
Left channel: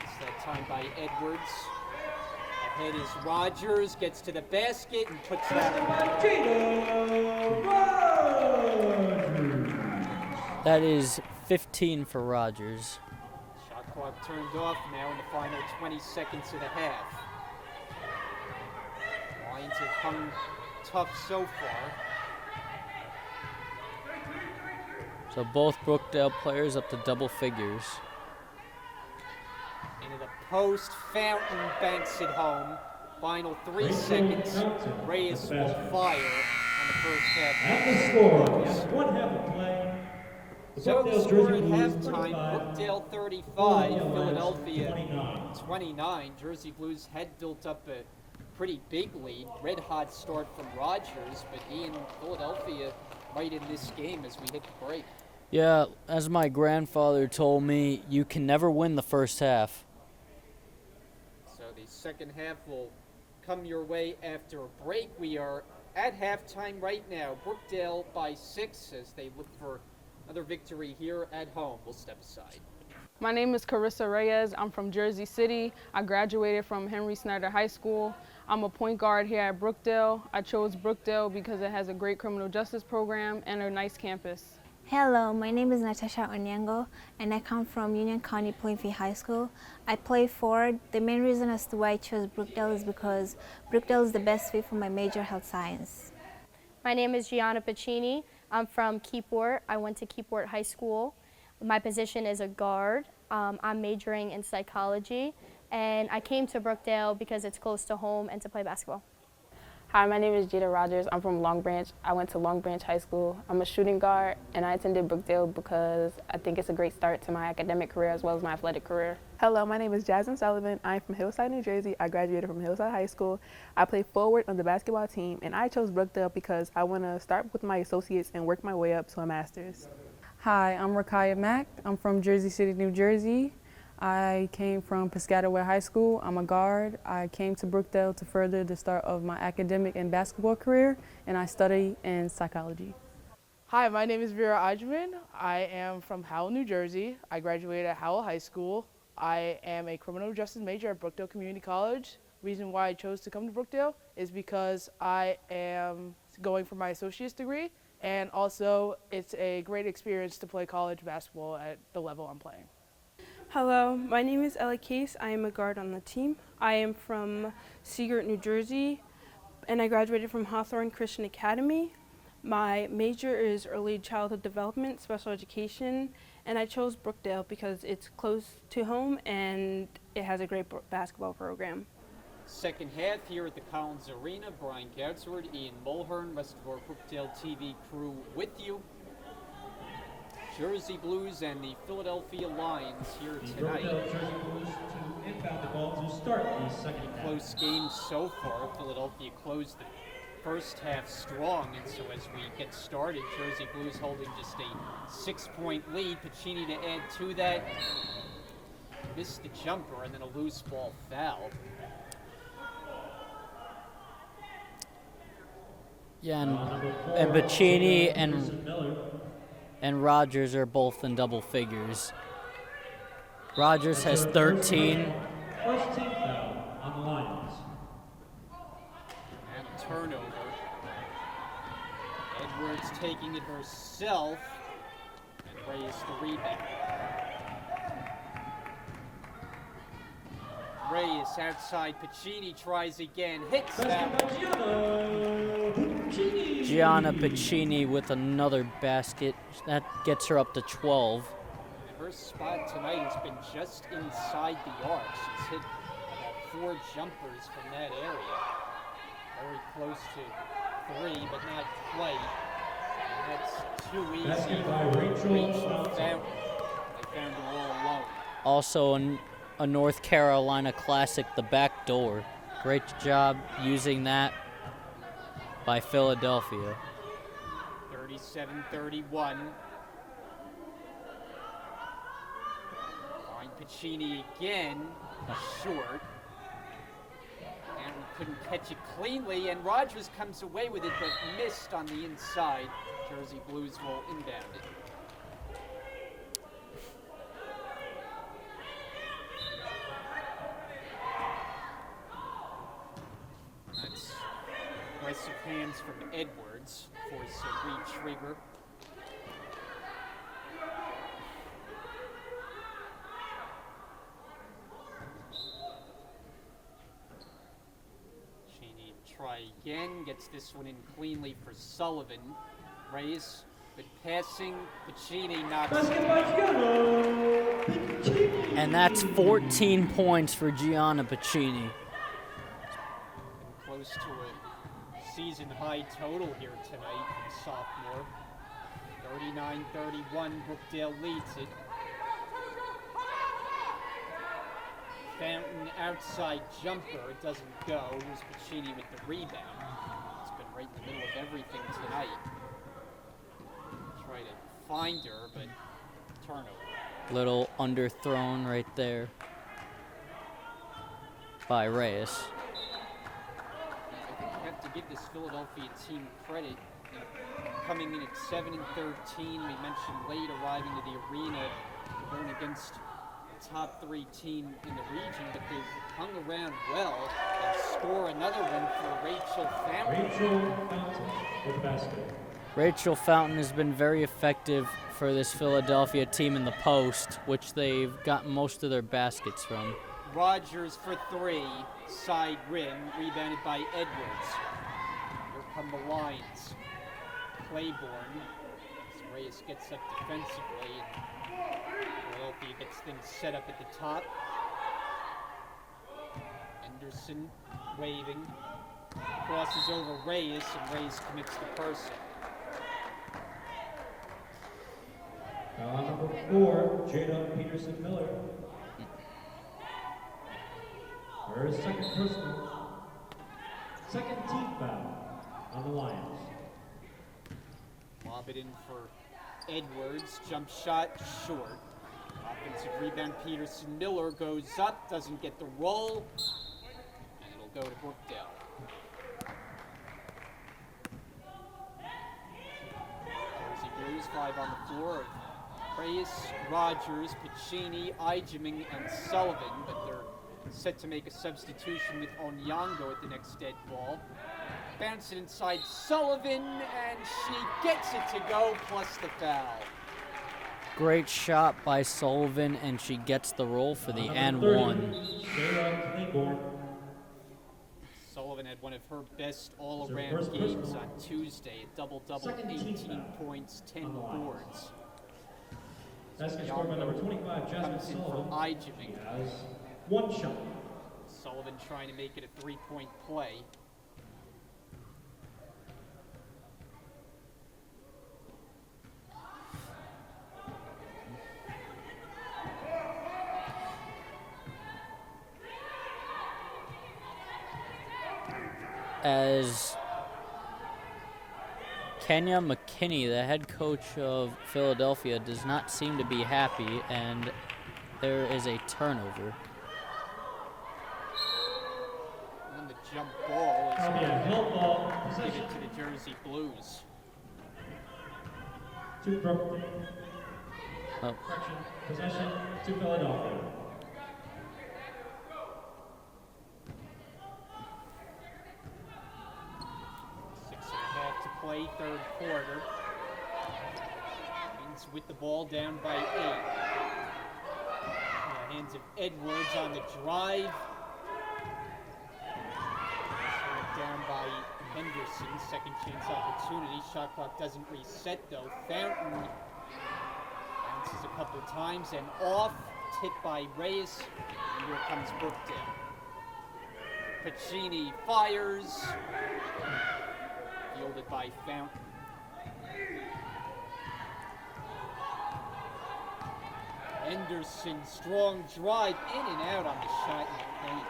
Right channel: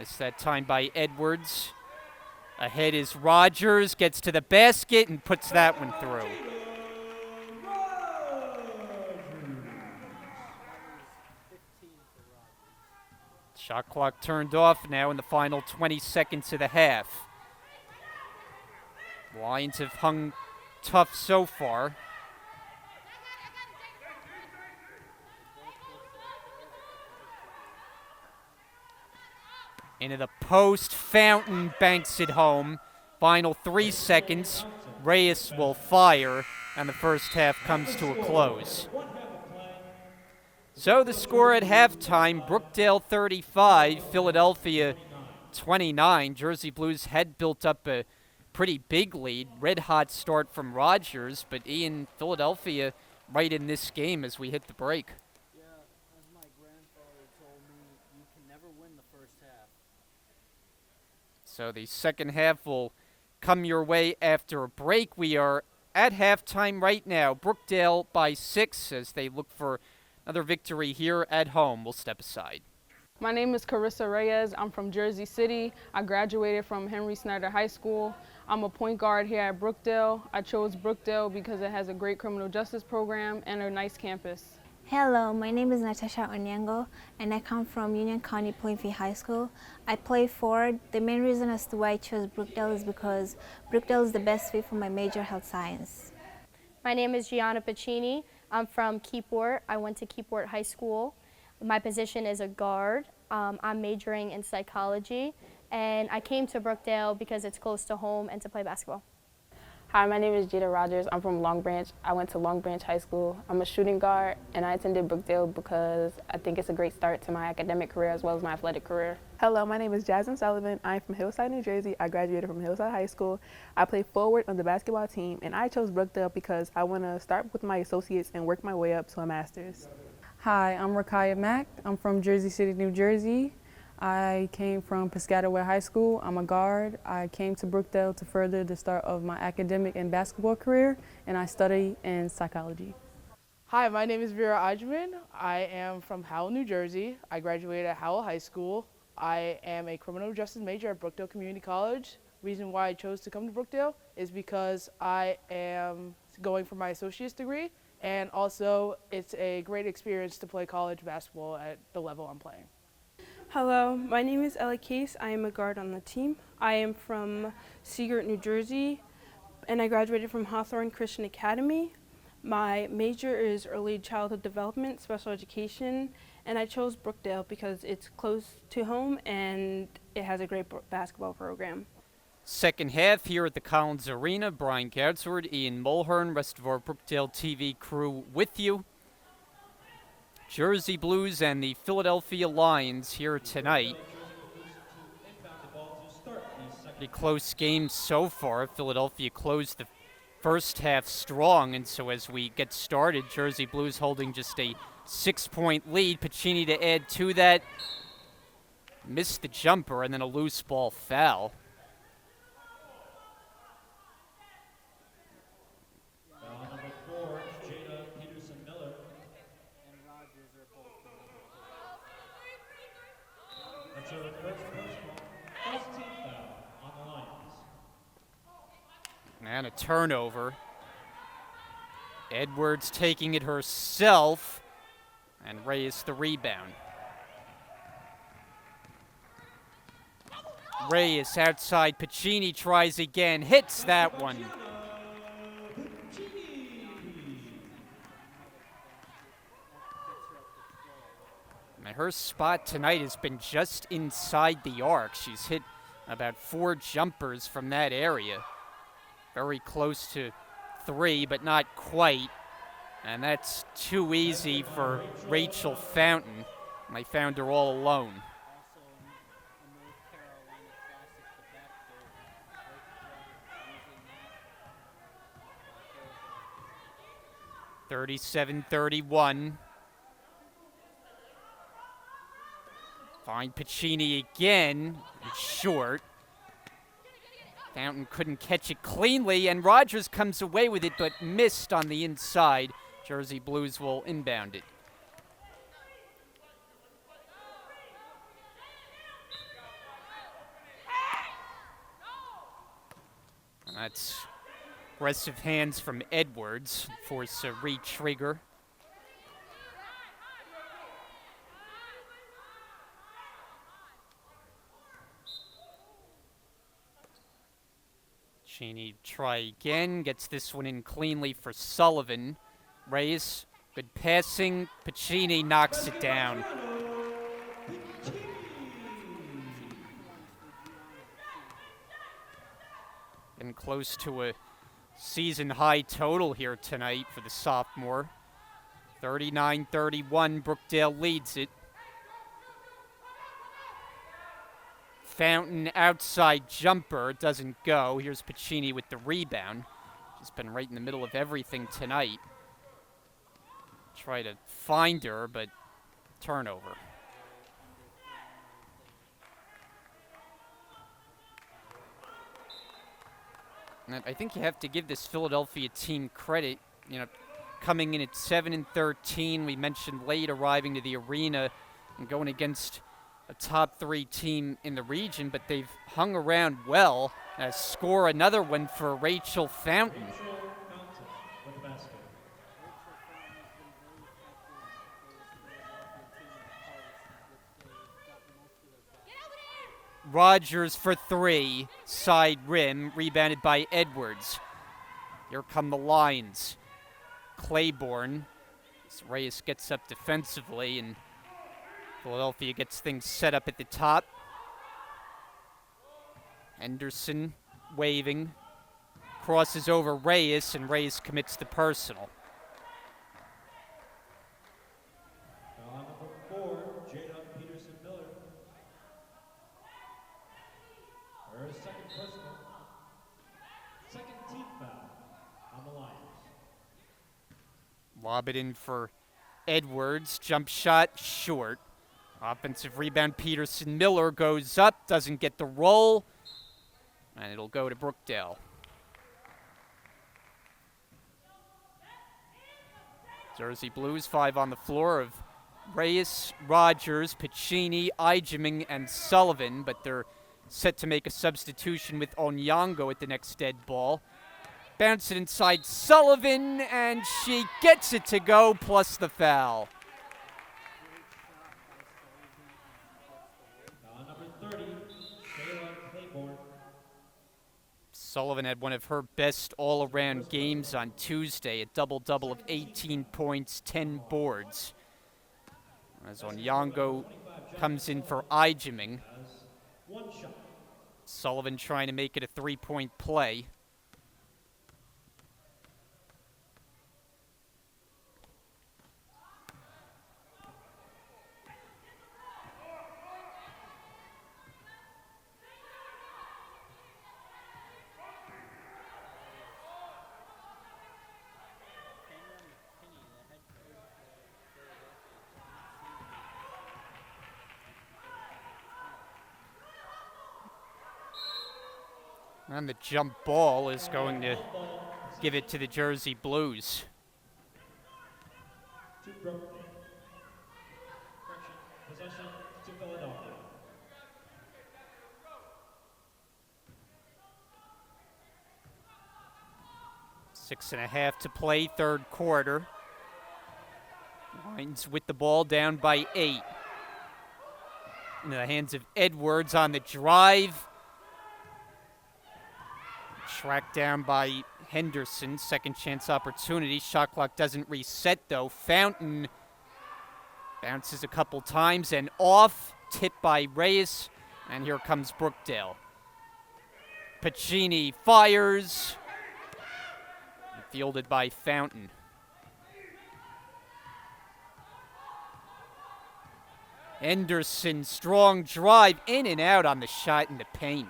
It's that time by Edwards. Ahead is Rogers, gets to the basket and puts that one through. That is 15 for Rogers. Shot clock turned off now in the final 20 seconds of the half. Lions have hung tough so far. So both Brookdale players up to double figures. Into the post, Fountain banks it home. Final 3 seconds, Reyes will fire, and the first half comes to a close. So the score at halftime, Brookdale 35, Philadelphia 29. Jersey Blues had built up a pretty big lead. Red hot start from Rogers, but Ian, Philadelphia right in this game as we hit the break. Yeah, as my grandfather told me, you can never win the first half. So the second half will come your way after a break. We are at halftime right now. Brookdale by 6 as they look for another victory here at home. We'll step aside. My name is Carissa Reyes. I'm from Jersey City. I graduated from Henry Snyder High School. I'm a point guard here at Brookdale. I chose Brookdale because it has a great criminal justice program and a nice campus. Hello, my name is Natasha Onyango and I come from Union County Plainfield High School. I play forward. The main reason as to why I chose Brookdale is because Brookdale is the best fit for my major, health science. My name is Gianna Pacini. I'm from Keyport. I went to Keyport High School. My position is a guard. I'm majoring in psychology, and I came to Brookdale because it's close to home and to play basketball. Hi, my name is Jada Rogers. I'm from Long Branch. I went to Long Branch High School. I'm a shooting guard, and I attended Brookdale because I think it's a great start to my academic career as well as my athletic career. Hello, my name is Jasmine Sullivan. I'm from Hillside, New Jersey. I graduated from Hillside High School. I play forward on the basketball team, and I chose Brookdale because I want to start with my associates and work my way up to a master's. Hi, I'm Rakaya Mack. I'm from Jersey City, New Jersey. I came from Piscataway High School. I'm a guard. I came to Brookdale to further the start of my academic and basketball career, and I study in psychology. Hi, my name is Vera Ajman. I am from Howell, New Jersey. I graduated at Howell High School. I am a criminal justice major at Brookdale Community College. Reason why I chose to come to Brookdale is because I am going for my associate's degree, and also it's a great experience to play college basketball at the level I'm playing. Hello, my name is Ella Case. I am a guard on the team. I am from Seagirt, New Jersey, and I graduated from Hawthorne Christian Academy. My major is early childhood development, special education, and I chose Brookdale because it's close to home and it has a great basketball program. Second half here at the Collins Arena. Brian Goudsward, Ian Mulhern, rest of our Brookdale TV crew with you. Jersey Blues and the Philadelphia Lions here tonight. Pretty close game so far. Philadelphia closed the first half strong, and so as we get started, Jersey Blues holding just a 6-point lead. Pacini to add to that. Missed the jumper and then a loose ball foul. Yeah, and Pacini and Rogers are both in double figures. Rogers has 13. First team foul on the Lions. And a turnover. Edwards taking it herself, and Reyes the rebound. Reyes outside, Pacini tries again, hits that one. Gianna Pacini with another basket. That gets her up to 12. And her spot tonight has been just inside the arc. She's hit about 4 jumpers from that area. Very close to 3, but not quite. And that's too easy for Rachel Fountain. They found her all alone. Also a North Carolina classic, the back door. Great job using that by Philadelphia. 37-31. Find Pacini again, short. Fountain couldn't catch it cleanly, and Rogers comes away with it, but missed on the inside. Jersey Blues will inbound it. That's aggressive hands from Edwards, force a re-trigger. Cheney try again, gets this one in cleanly for Sullivan. Reyes, good passing, Pacini knocks it down. And that's 14 points for Gianna Pacini. And close to a season high total here tonight for the sophomore. 39-31, Brookdale leads it. Fountain outside jumper doesn't go. Here's Pacini with the rebound. He's been right in the middle of everything tonight. Try to find her, but turnover. Little underthrown right there by Reyes. And I think you have to give this Philadelphia team credit. You know, coming in at 7-13, we mentioned late arriving to the arena and going against a top 3 team in the region, but they've hung around well. Score another one for Rachel Fountain. Rachel Fountain with the basket. Rachel Fountain has been very effective for this Philadelphia team in the post, which they've gotten most of their baskets from. Rogers for 3, side rim, rebounded by Edwards. Here come the Lions. Claiborne, as Reyes gets up defensively, and Philadelphia gets things set up at the top. Henderson waving, crosses over Reyes, and Reyes commits the personal. Foul number 4, Jada Peterson Miller. Her second personal. Second team foul on the Lions. Lob it in for Edwards. Jump shot short. Offensive rebound. Peterson Miller goes up, doesn't get the roll, and it'll go to Brookdale. Jersey Blues, 5 on the floor of Reyes, Rogers, Pacini, Ijeming, and Sullivan, but they're set to make a substitution with Onyango at the next dead ball. Bounce it inside Sullivan, and she gets it to go, plus the foul. Great shot by Sullivan, and she gets the roll for the N1. Sullivan had one of her best all-around games on Tuesday, a double-double of 18 points, 10 boards. As Onyango comes in for Ijeming. One shot. Sullivan trying to make it a 3-point play. As Kenya McKinney, the head coach of Philadelphia, does not seem to be happy, and there is a turnover. And the jump ball is going to give it to the Jersey Blues. To Brookdale. Oh. Correction, possession to Philadelphia. Six and a half to play, third quarter. Titans with the ball down by 8. In the hands of Edwards on the drive. Tracked down by Henderson, second chance opportunity. Shot clock doesn't reset though. Fountain bounces a couple times and off, tipped by Reyes, and here comes Brookdale. Pacini fires, fielded by Fountain. Henderson, strong drive, in and out on the shot in the paint.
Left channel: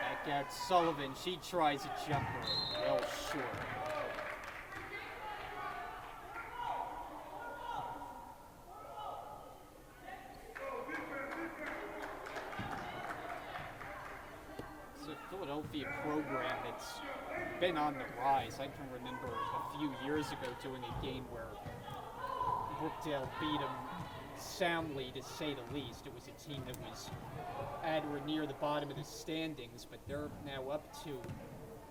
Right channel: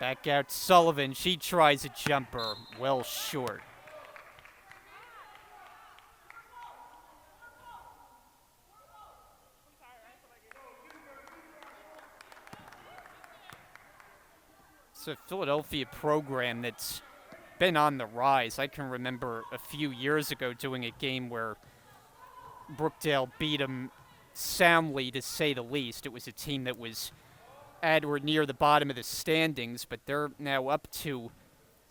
Back out Sullivan, she tries a jumper, well short. It's a Philadelphia program that's been on the rise. I can remember a few years ago doing a game where Brookdale beat them soundly, to say the least. It was a team that was at or near the bottom of the standings, but they're now up to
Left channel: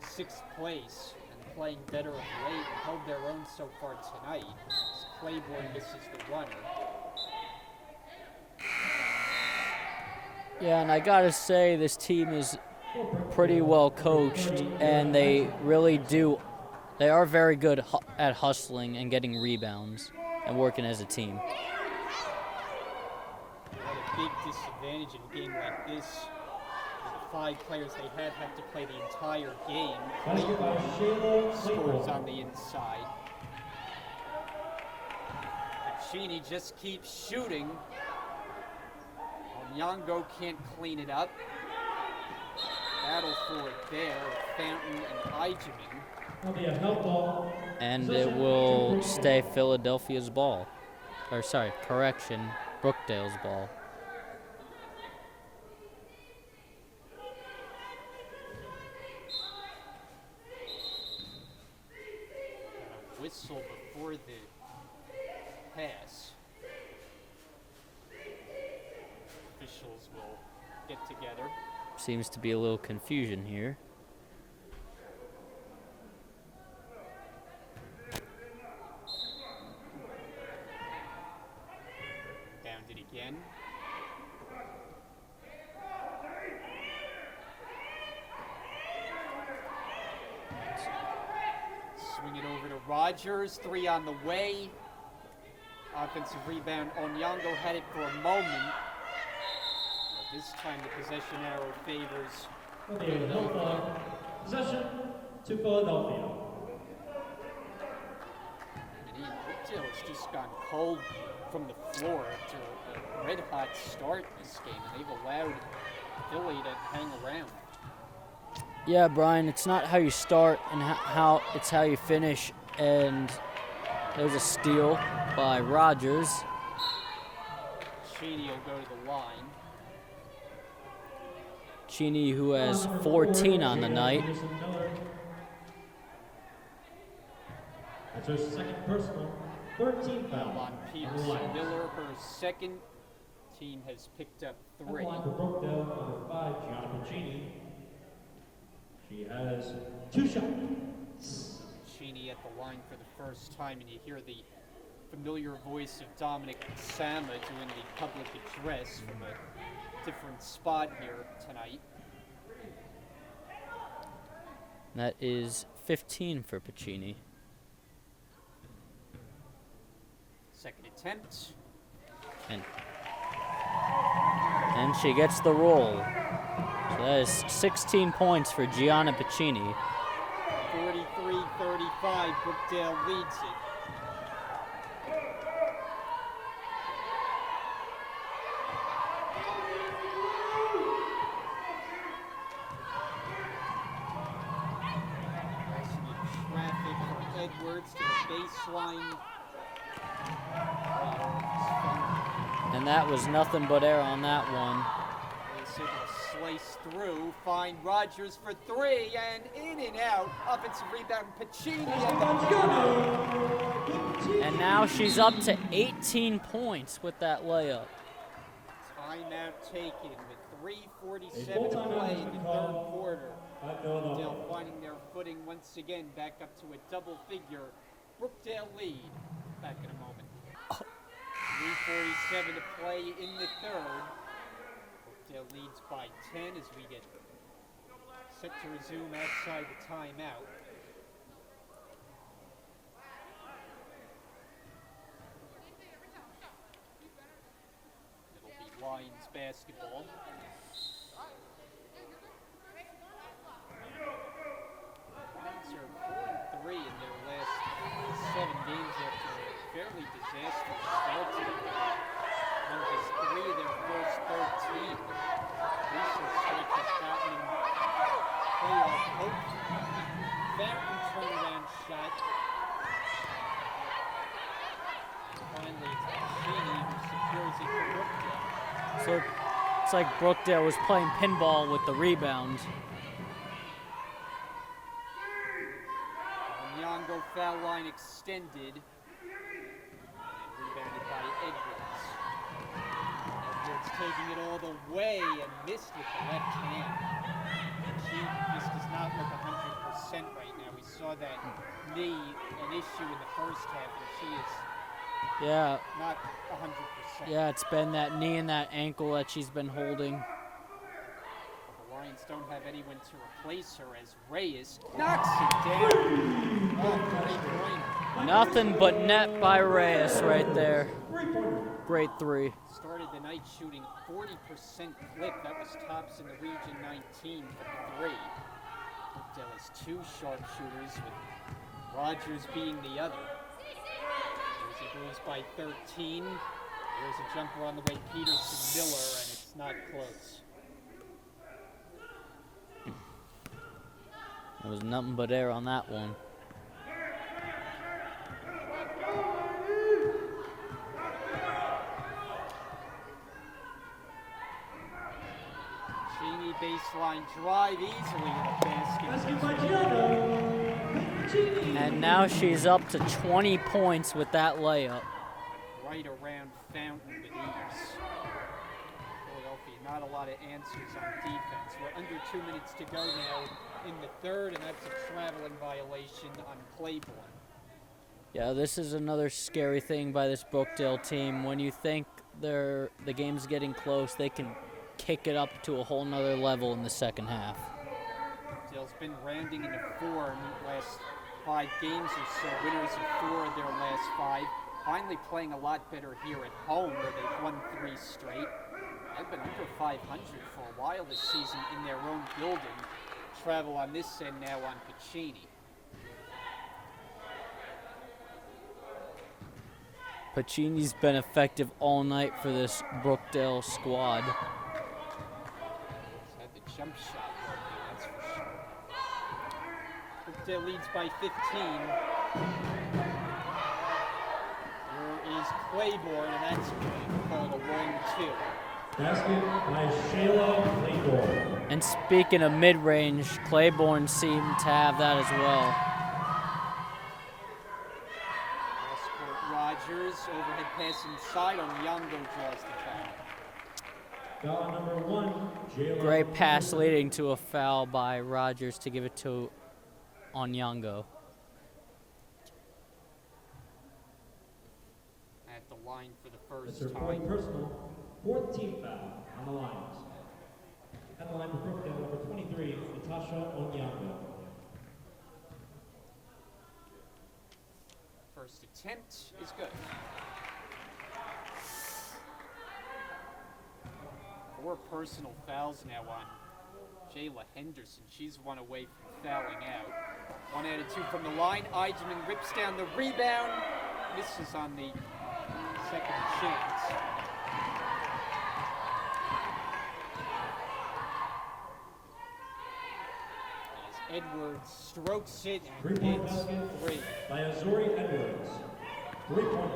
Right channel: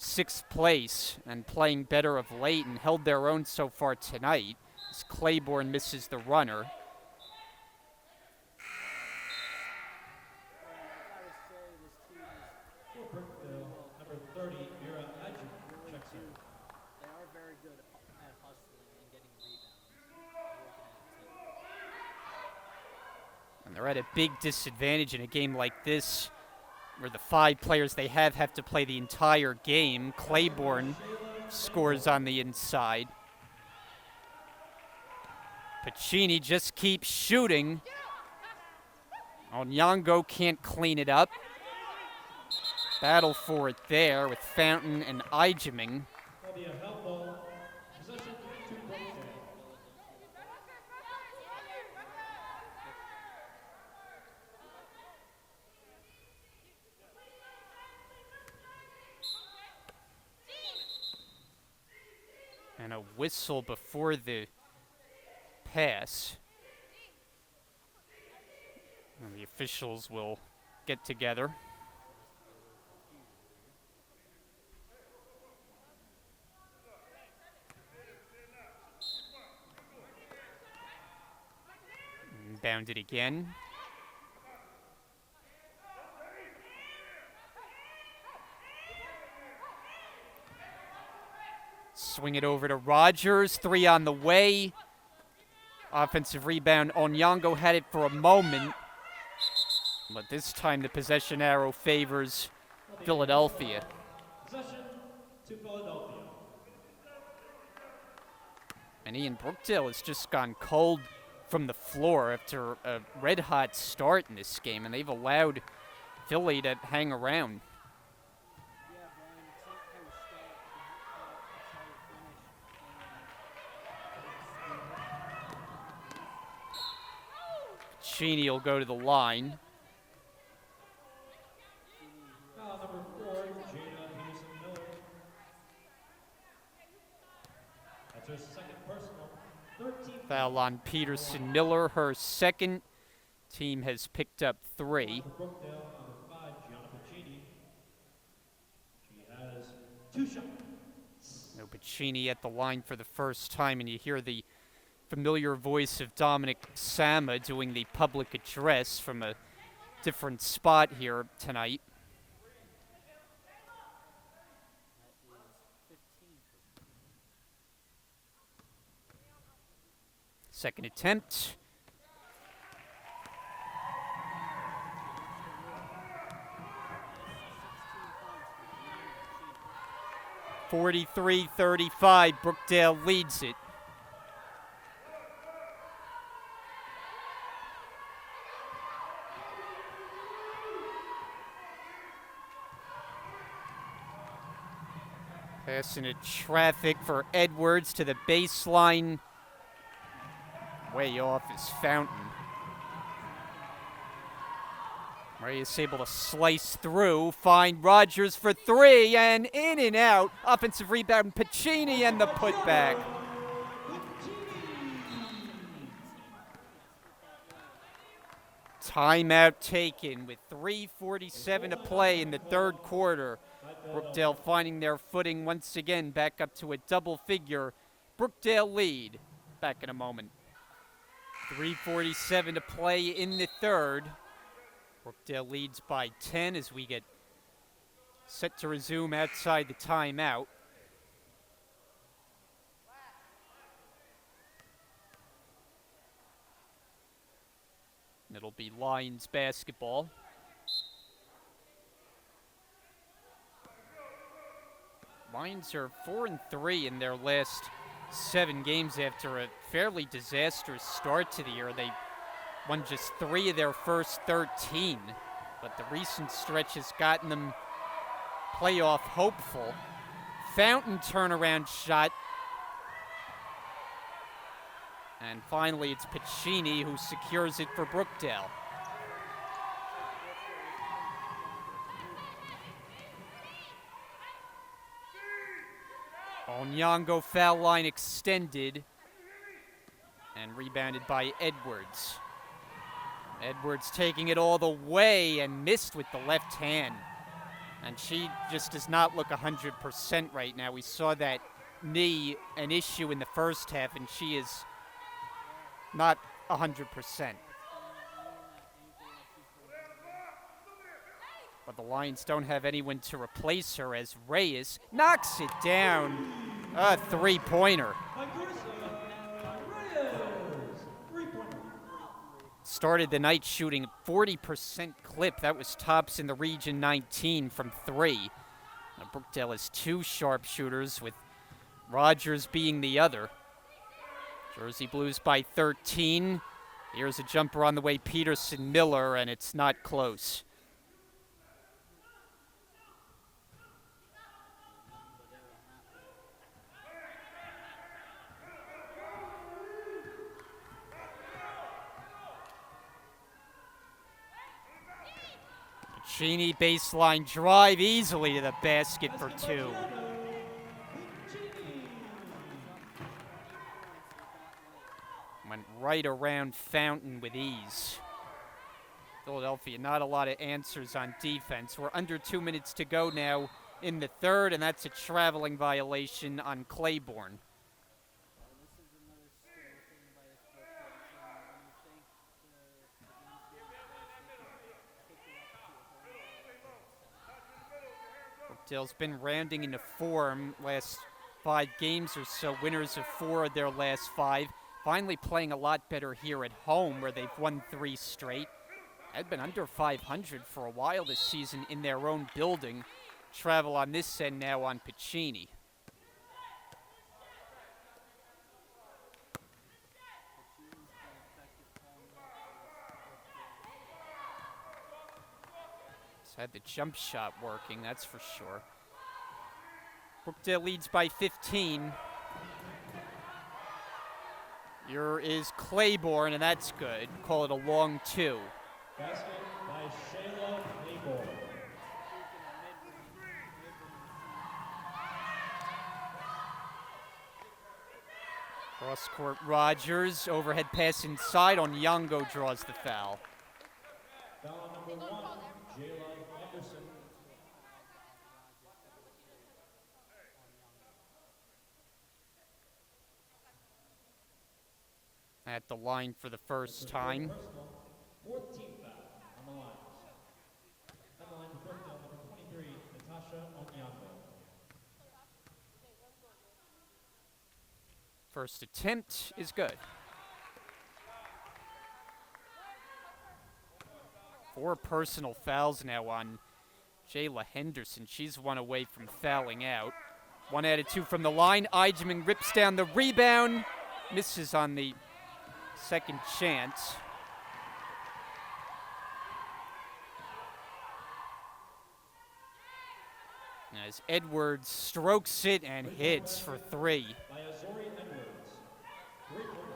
6th place and playing better of late and held their own so far tonight. As Claiborne misses the runner. Yeah, and I gotta say, this team is pretty well coached, and they really do They are very good at hustling and getting rebounds and working as a team. They're at a big disadvantage in a game like this, where the 5 players they have to play the entire game. Claiborne scores on the inside. Pacini just keeps shooting. Onyango can't clean it up. Battle for it there with Fountain and Ijeming. And it will stay Philadelphia's ball. Or sorry, correction, Brookdale's ball. And a whistle before the pass. And the officials will get together. Seems to be a little confusion here. Bounded again. Swing it over to Rogers. 3 on the way. Offensive rebound. Onyango had it for a moment. But this time the possession arrow favors Philadelphia. Possession to Philadelphia. And Ian Brookdale has just gone cold from the floor after a red-hot start in this game, and they've allowed Philly to hang around. Yeah, Brian, it's not how you start and it's how you finish. And there's a steal by Rogers. Cheney will go to the line. Cheney, who has 14 on the night. That's her second personal. 13 Foul on Peterson Miller, her second. Team has picked up 3. For Brookdale, number 5, Gianna Pacini. She has 2 shots. No Pacini at the line for the first time, and you hear the familiar voice of Dominic Sama doing the public address from a different spot here tonight. That is 15 for Pacini. Second attempt. And she gets the roll. So that is 16 points for Gianna Pacini. 43-35, Brookdale leads it. Passing into traffic for Edwards to the baseline. Way off is Fountain. And that was nothing but air on that one. Reyes able to slice through, find Rogers for 3, and in and out. Offensive rebound, Pacini, and the putback. And now she's up to 18 points with that layup. Timeout taken with 3:47 to play in the third quarter. Brookdale finding their footing once again, back up to a double figure. Brookdale lead. Back in a moment. 3:47 to play in the third. Brookdale leads by 10 as we get set to resume outside the timeout. It'll be Lions basketball. Lions are 4-3 in their last 7 games after a fairly disastrous start to the year. They won just 3 of their first 13, but the recent stretch has gotten them playoff hopeful. Fountain turnaround shot. And finally, it's Pacini who secures it for Brookdale. So it's like Brookdale was playing pinball with the rebound. Onyango foul line extended and rebounded by Edwards. Edwards taking it all the way and missed with the left hand. And she just does not look 100% right now. We saw that knee an issue in the first half, and she is not 100%. Yeah, it's been that knee and that ankle that she's been holding. But The Lions don't have anyone to replace her as Reyes knocks it down. A three-pointer. Nothing but net by Reyes right there. Great three. Started the night shooting 40% clip. That was tops in the Region 19 from three. Now Brookdale has two sharpshooters, with Rogers being the other. Jersey Blues by 13. Here's a jumper on the way, Peterson Miller, and it's not close. There was nothing but air on that one. Cheney baseline drive easily to the basket for two. And now she's up to 20 points with that layup. Went right around Fountain with ease. Philadelphia, not a lot of answers on defense. We're under 2 minutes to go now in the third, and that's a traveling violation on Claiborne. Yeah, this is another scary thing by this Brookdale team. When you think the game's getting close, they can kick it up to a whole nother level in the second half. Brookdale's been rounding into form last 5 games or so, winners of 4 of their last 5. Finally playing a lot better here at home, where they've won 3 straight. They've been under 500 for a while this season in their own building. Travel on this end now on Pacini. Pacini's been effective all night for this Brookdale squad. He's had the jump shot working, that's for sure. Brookdale leads by 15. Here is Claiborne, and that's good. Call it a long 2. Basket by Shayla Claiborne. And speaking of mid-range, Claiborne seemed to have that as well. Cross-court Rogers, overhead pass inside on Yongo, draws the foul. Foul number 1, Jayla. Great pass leading to a foul by Rogers to give it to Onyango. At the line for the first time. Personal, 14th foul on the Lions. At the line for Brookdale, number 23, Natasha Onyango. First attempt is good. 4 personal fouls now on Jayla Henderson. She's 1 away from fouling out. 1 out of 2 from the line. Eichmann rips down the rebound. Misses on the second chance. As Edwards strokes it and hits for 3. By Azori Edwards. 3-point.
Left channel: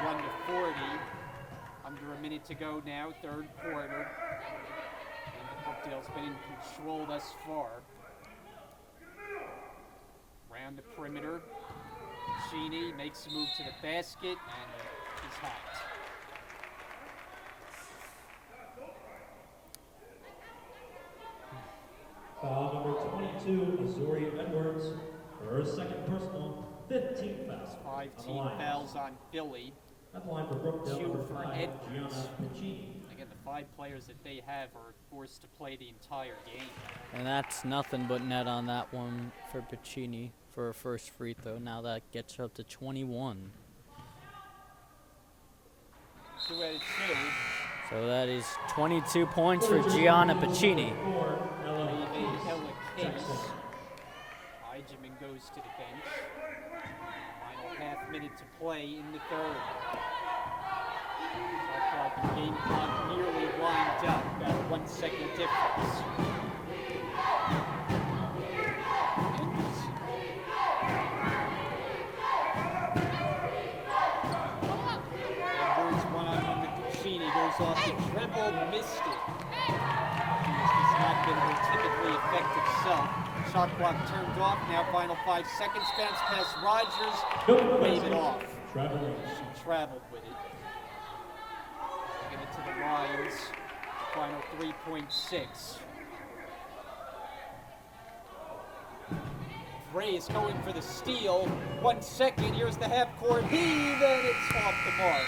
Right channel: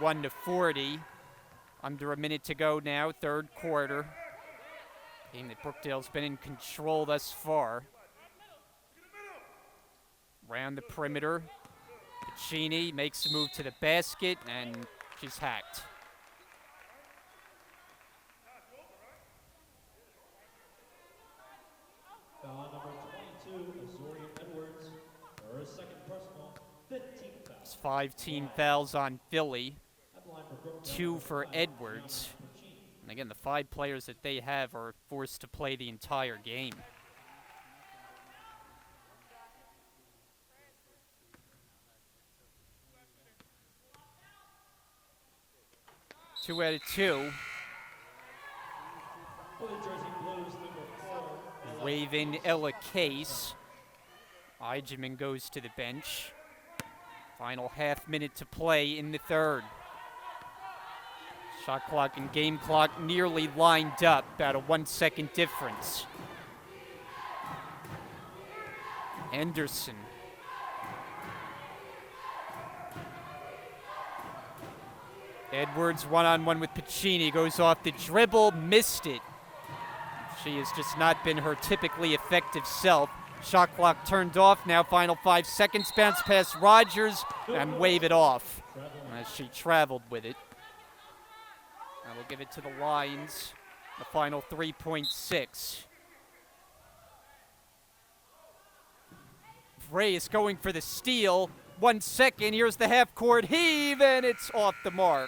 51-40. Under a minute to go now, third quarter. Game that Brookdale's been in control thus far. Round the perimeter. Cheney makes a move to the basket, and she's hacked. Foul number 22, Azori Edwards. For her second personal, 15 fouls. There's 5 team fouls on Philly. At the line for Brookdale, 2 number for 5, Edwards. Gianna Pacini. Again, the 5 players that they have are forced to play the entire game. And that's nothing but net on that one for Pacini for her first free throw. Now that gets her up to 21. 2 out of 2. So that is 22 points for Gianna Pacini. Raven Ella Case. Eichmann goes to the bench. Final half minute to play in the third. Shot clock and game clock nearly lined up, about a 1 second difference. Anderson. Edwards one-on-one with Pacini, goes off the dribble, missed it. She has just not been her typically effective self. Shot clock turned off, now final 5 seconds. Bounce past Rogers and wave it off. She traveled with it. We'll give it to the Lions. The final 3.6. Reyes going for the steal. 1 second, here's the half-court heave, and it's off the mark.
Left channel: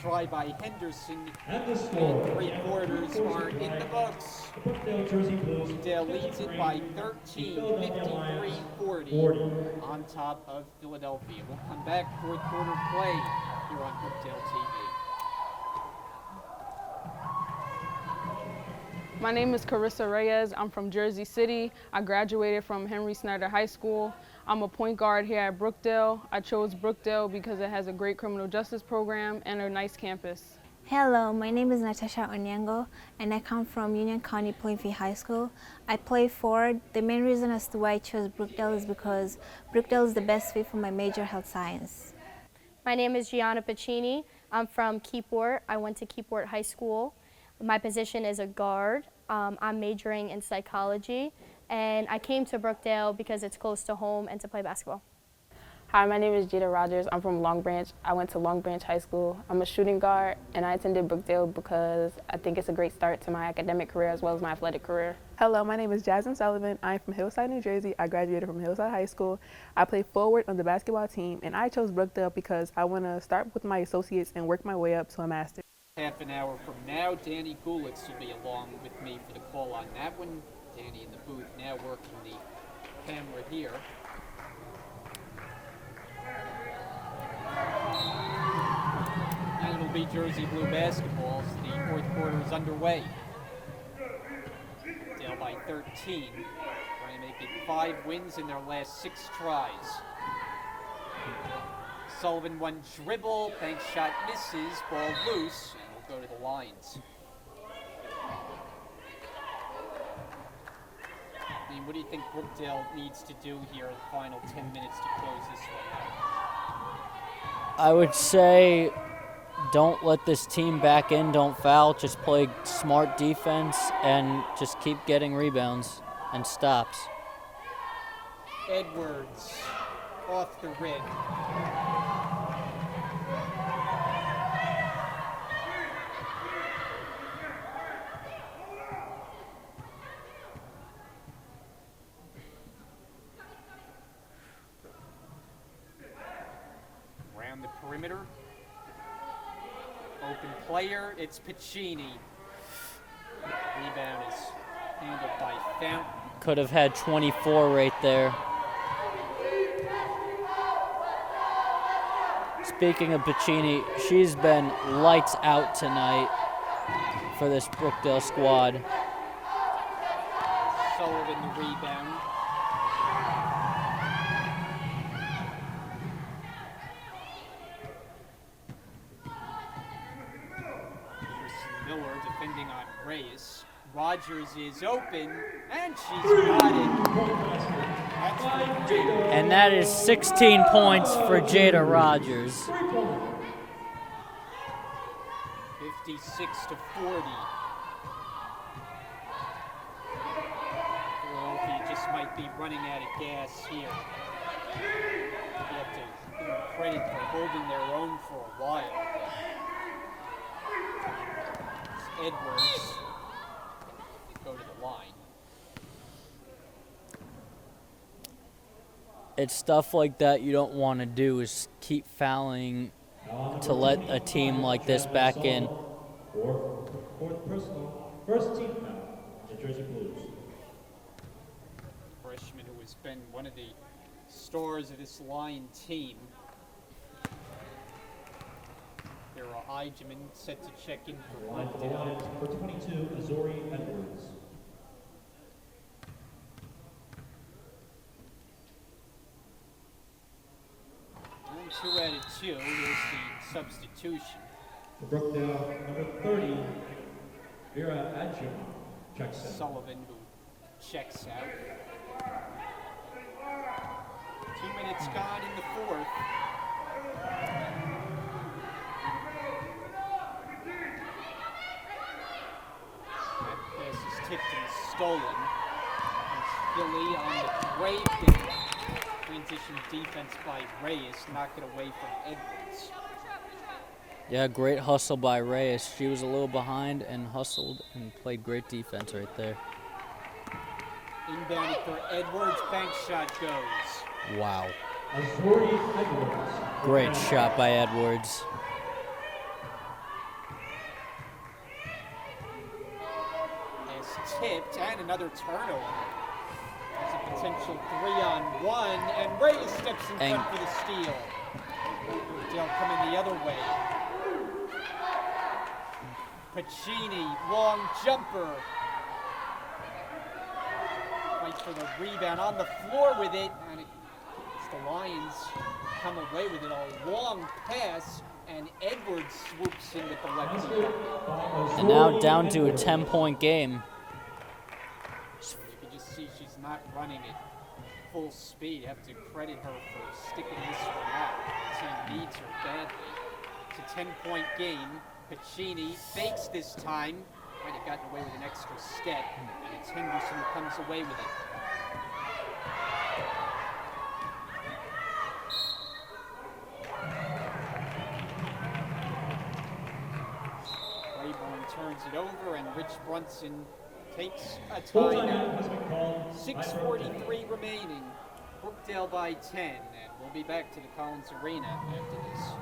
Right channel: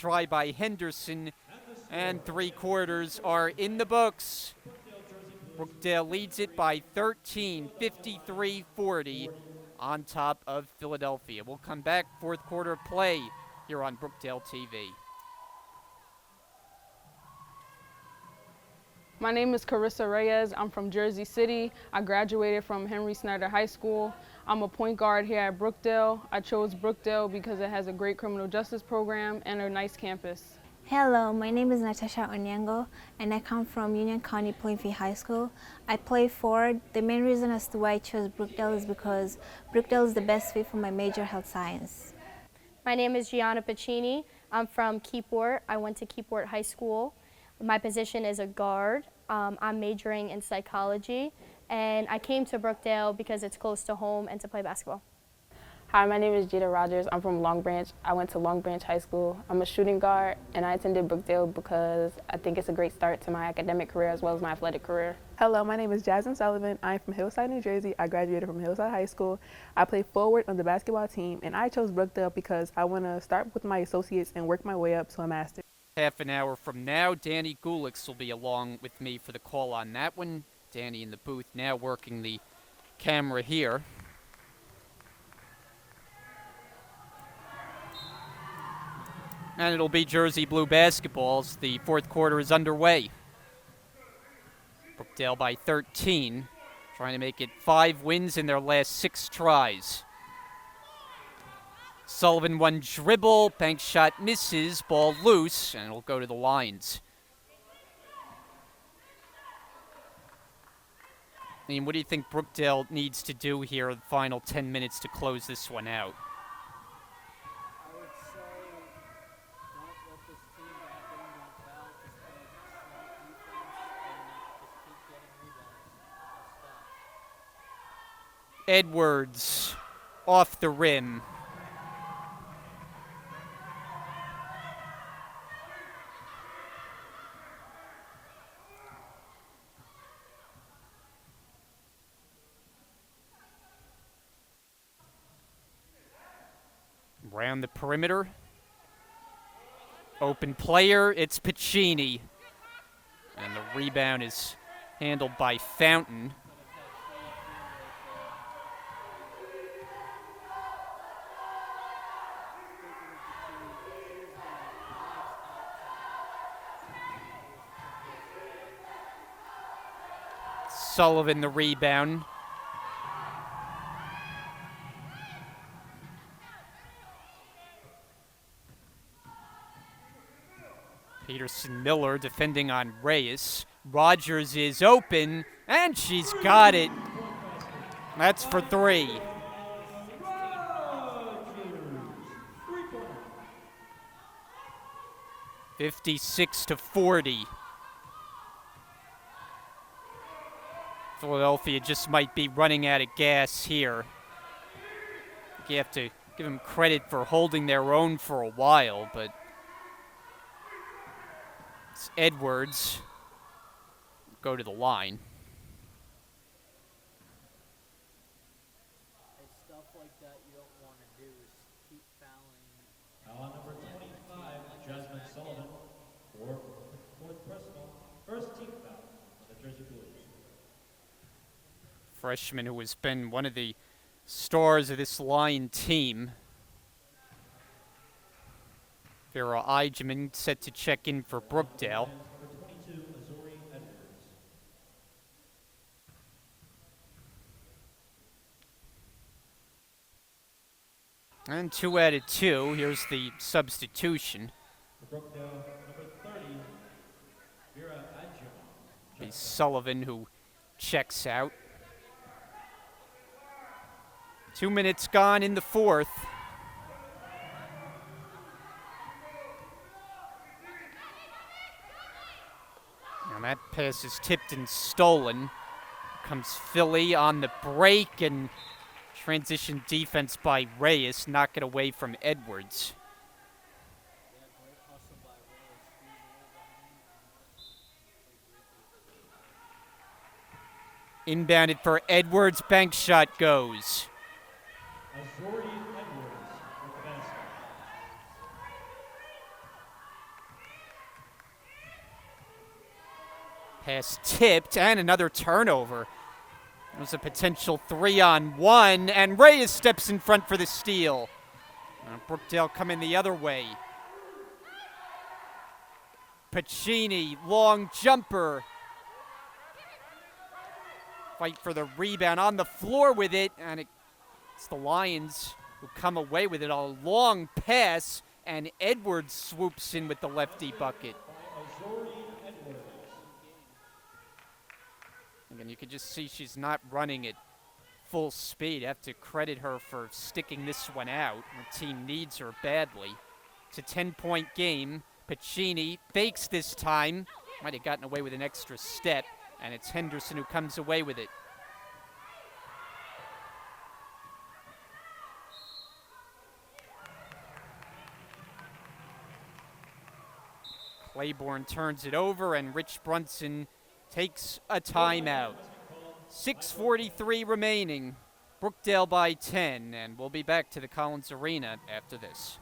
try by Henderson, And the score. and 3/4 are in the books. Brookdale Jersey Blues. Brookdale leads it by 13, 53-40 on top of Philadelphia. We'll come back, fourth quarter play here on Brookdale TV. My name is Carissa Reyes. I'm from Jersey City. I graduated from Henry Snyder High School. I'm a point guard here at Brookdale. I chose Brookdale because it has a great criminal justice program and a nice campus. Hello, my name is Natasha Onyango, and I come from Union County Plainfield High School. I play forward. The main reason as to why I chose Brookdale is because Brookdale is the best fit for my major, health science. My name is Gianna Pacini. I'm from Keyport. I went to Keyport High School. My position is a guard. I'm majoring in psychology, and I came to Brookdale because it's close to home and to play basketball. Hi, my name is Jada Rogers. I'm from Long Branch. I went to Long Branch High School. I'm a shooting guard, and I attended Brookdale because I think it's a great start to my academic career as well as my athletic career. Hello, my name is Jasmine Sullivan. I'm from Hillside, New Jersey. I graduated from Hillside High School. I play forward on the basketball team, and I chose Brookdale because I want to start with my associates and work my way up to a master's. Half an hour from now, Danny Gulix will be along with me for the call on that one. Danny in the booth now working the camera here. And it'll be Jersey Blue basketball as the fourth quarter is underway. Brookdale by 13, trying to make it 5 wins in their last 6 tries. Sullivan one dribble, bank shot misses, ball loose, and it'll go to the lines. I mean, what do you think Brookdale needs to do here in the final 10 minutes to close this one out? I would say don't let this team back in, don't foul, just play smart defense and just keep getting rebounds and stops. Edwards off the rim. Around the perimeter. Open player, it's Pacini. And the rebound is handled by Fountain. Could have had 24 right there. Speaking of Pacini, she's been lights out tonight for this Brookdale squad. Sullivan the rebound. Miller defending on Reyes. Rogers is open, and she's got it. That's for 3. And that is 16 points for Jada Rogers. 56-40. Philadelphia just might be running out of gas here. You have to give them credit for holding their own for a while, but Edwards go to the line. It's stuff like that you don't want to do, is keep fouling to let a team like this back in. Fourth personal, first team foul, the Jersey Blues. Freshman who has been one of the stars of this line team. Vera Eigeman set to check in for Brookdale. For 22, Azori Edwards. And 2 out of 2. Here's the substitution. For Brookdale, number 30, Vera Adjumon. It's Sullivan who checks out. 2 minutes gone in the fourth. And that pass is tipped and stolen. Comes Philly on the break, and transition defense by Reyes, knock it away from Edwards. Yeah, great hustle by Reyes. She was a little behind and hustled and played great defense right there. Inbounded for Edwards, bank shot goes. Wow. Azori Edwards. Great shot by Edwards. Pass tipped, and another turnover. There's a potential 3-on-1, and Reyes steps in front for the steal. Brookdale coming the other way. Pacini, long jumper. Fight for the rebound, on the floor with it, and it's the Lions who come away with it. A long pass, and Edwards swoops in with the lefty bucket. And now down to a 10-point game. I mean, you can just see she's not running at full speed. I have to credit her for sticking this one out. The team needs her badly. It's a 10-point game. Pacini fakes this time. Might have gotten away with an extra step, and it's Henderson who comes away with it. Claiborne turns it over, and Rich Brunson takes a timeout. 6:43 remaining. Brookdale by 10, and we'll be back to the Collins Arena after this.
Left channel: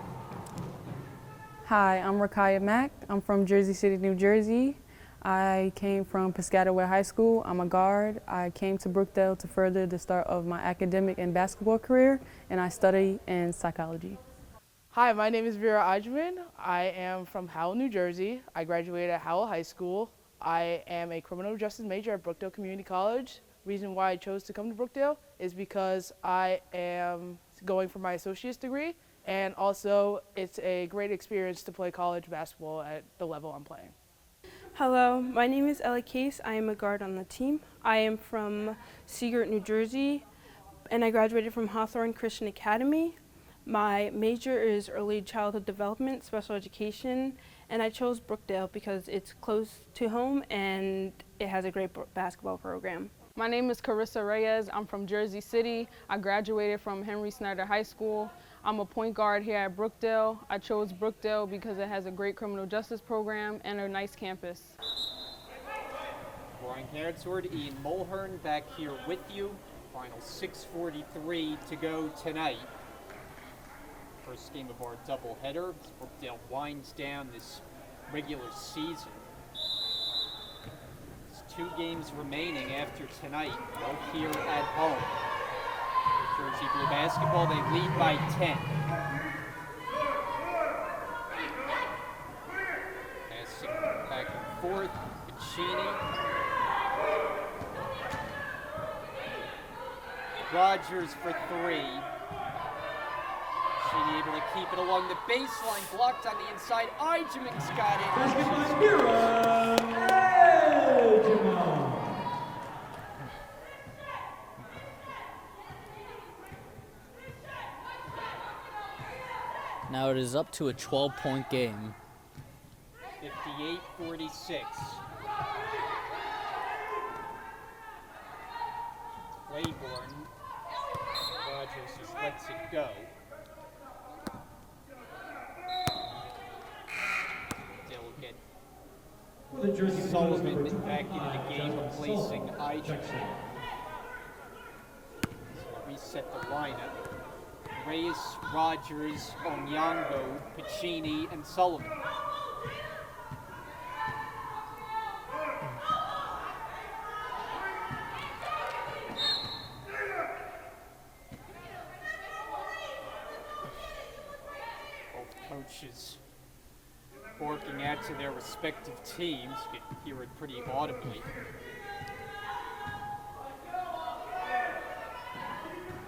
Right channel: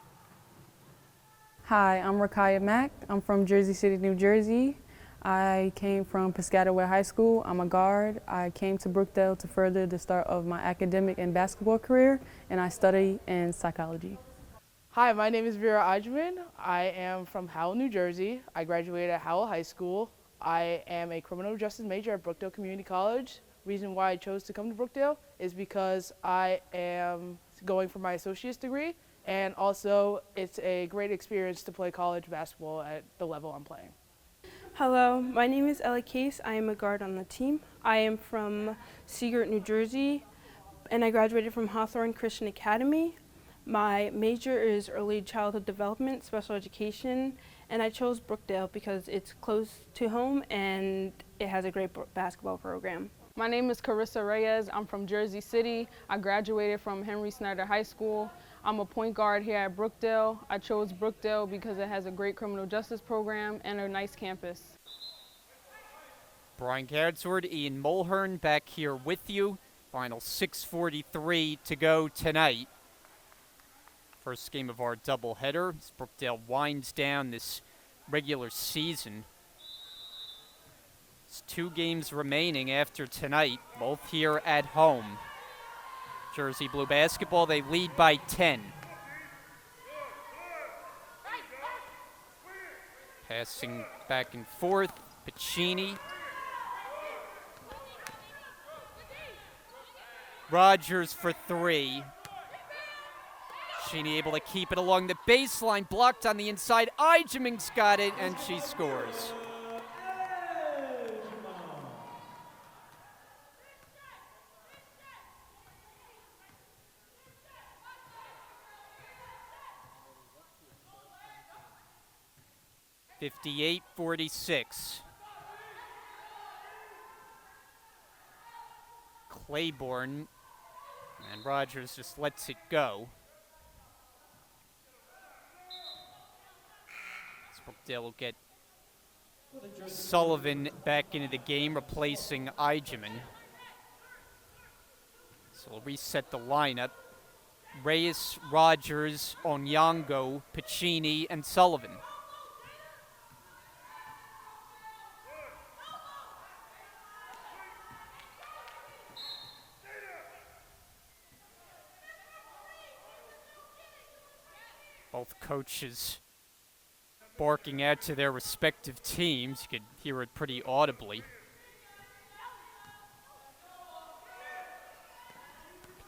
Hi, I'm Rakaya Mack. I'm from Jersey City, New Jersey. I came from Piscataway High School. I'm a guard. I came to Brookdale to further the start of my academic and basketball career, and I study in psychology. Hi, my name is Vera Ajman. I am from Howell, New Jersey. I graduated at Howell High School. I am a criminal justice major at Brookdale Community College. Reason why I chose to come to Brookdale is because I am going for my associate's degree, and also it's a great experience to play college basketball at the level I'm playing. Hello, my name is Ella Case. I am a guard on the team. I am from Seagirt, New Jersey, and I graduated from Hawthorne Christian Academy. My major is early childhood development, special education, and I chose Brookdale because it's close to home and it has a great basketball program. My name is Carissa Reyes. I'm from Jersey City. I graduated from Henry Snyder High School. I'm a point guard here at Brookdale. I chose Brookdale because it has a great criminal justice program and a nice campus. Brian Gadsword, Ian Mulhern back here with you. Final 6:43 to go tonight. First game of our doubleheader as Brookdale winds down this regular season. There's 2 games remaining after tonight, both here at home. Jersey Blue basketball, they lead by 10. Passing back and forth, Pacini. Rogers for 3. Pacini able to keep it along the baseline, blocked on the inside. Ijeming's got it, and she scores. Now it is up to a 12-point game. 58-46. Claiborne, and Rogers just lets it go. Brookdale will get Sullivan back into the game, replacing Ijemin. So we'll reset the lineup. Reyes, Rogers, Onyango, Pacini, and Sullivan. Both coaches barking out to their respective teams. You could hear it pretty audibly.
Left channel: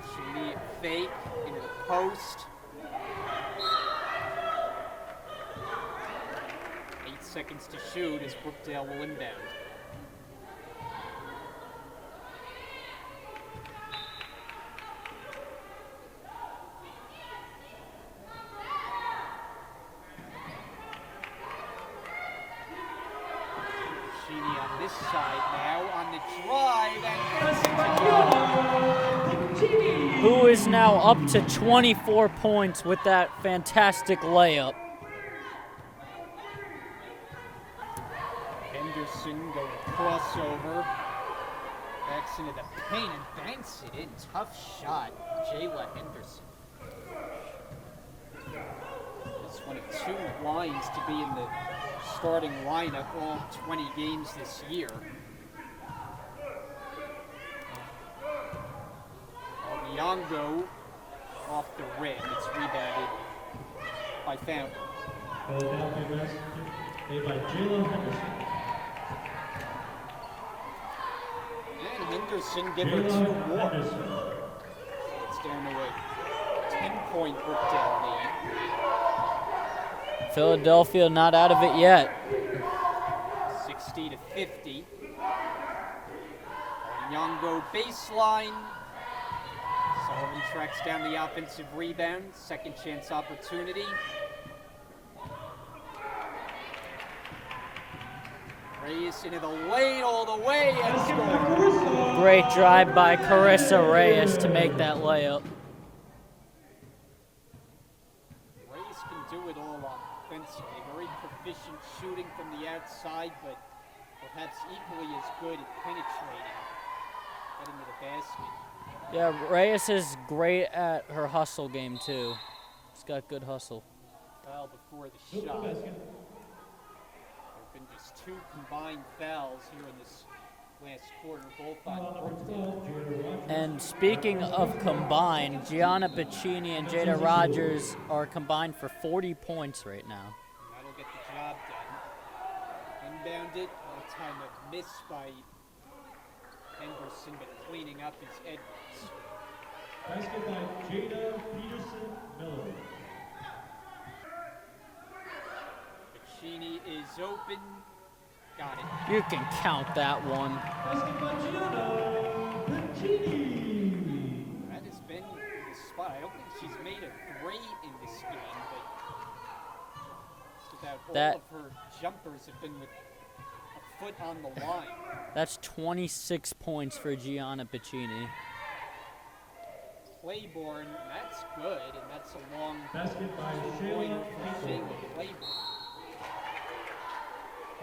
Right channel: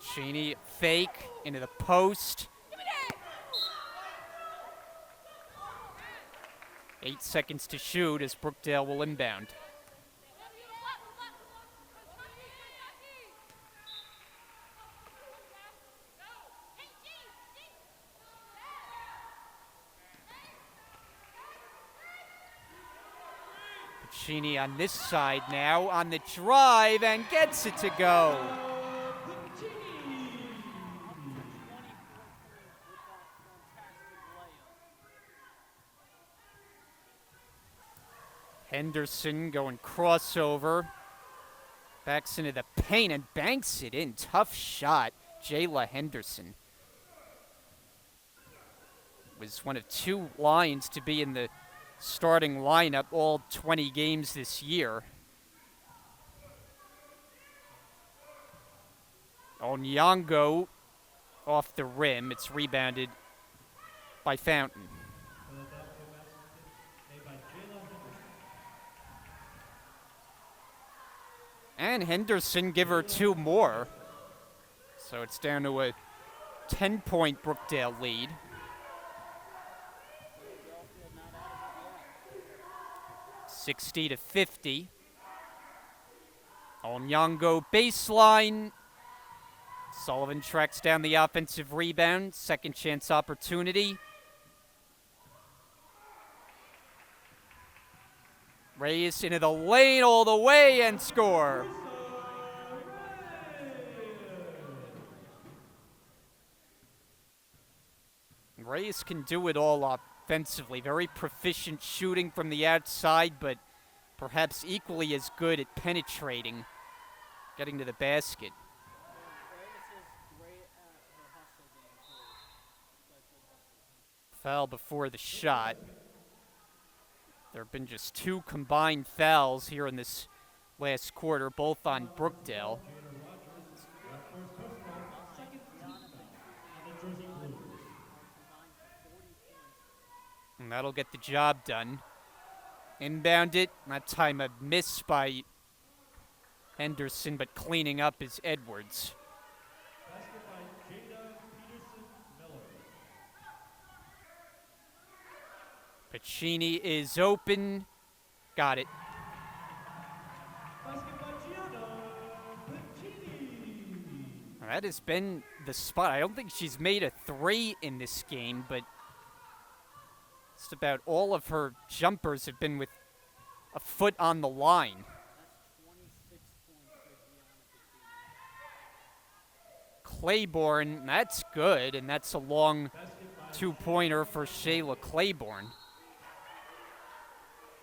Pacini, fake, into the post. 8 seconds to shoot as Brookdale will inbound. Pacini on this side now, on the drive, and gets it to go. Who is now up to 24 points with that fantastic layup. Henderson going crossover. Backs into the paint and banks it in. Tough shot, Jayla Henderson. Was one of 2 Lions to be in the starting lineup all 20 games this year. Onyango off the rim. It's rebounded by Fountain. Philadelphia basket made by Jayla Henderson. And Henderson give her 2 more. So it's down to a 10-point Brookdale lead. Philadelphia not out of it yet. 60-50. Onyango baseline. Sullivan tracks down the offensive rebound. Second chance opportunity. Reyes into the lane all the way and score. Great drive by Carissa Reyes to make that layup. Reyes can do it all offensively. Very proficient shooting from the outside, but perhaps equally as good at penetrating, getting to the basket. Yeah, Reyes is great at her hustle game too. She's got good hustle. Foul before the shot. There have been just 2 combined fouls here in this last quarter, both on Brookdale. And speaking of combined, Gianna Piccini and Jada Rogers are combined for 40 points right now. And that'll get the job done. Inbound it. That time a miss by Henderson, but cleaning up is Edwards. Basket by Jada Peterson-Miller. Piccini is open. Got it. You can count that one. Basket by Gianna Piccini. That has been the spot. I don't think she's made a 3 in this game, but just about all of her jumpers have been with a foot on the line. That's 26 points for Gianna Piccini. Claiborne, that's good, and that's a long 2-pointer for Shayla Claiborne.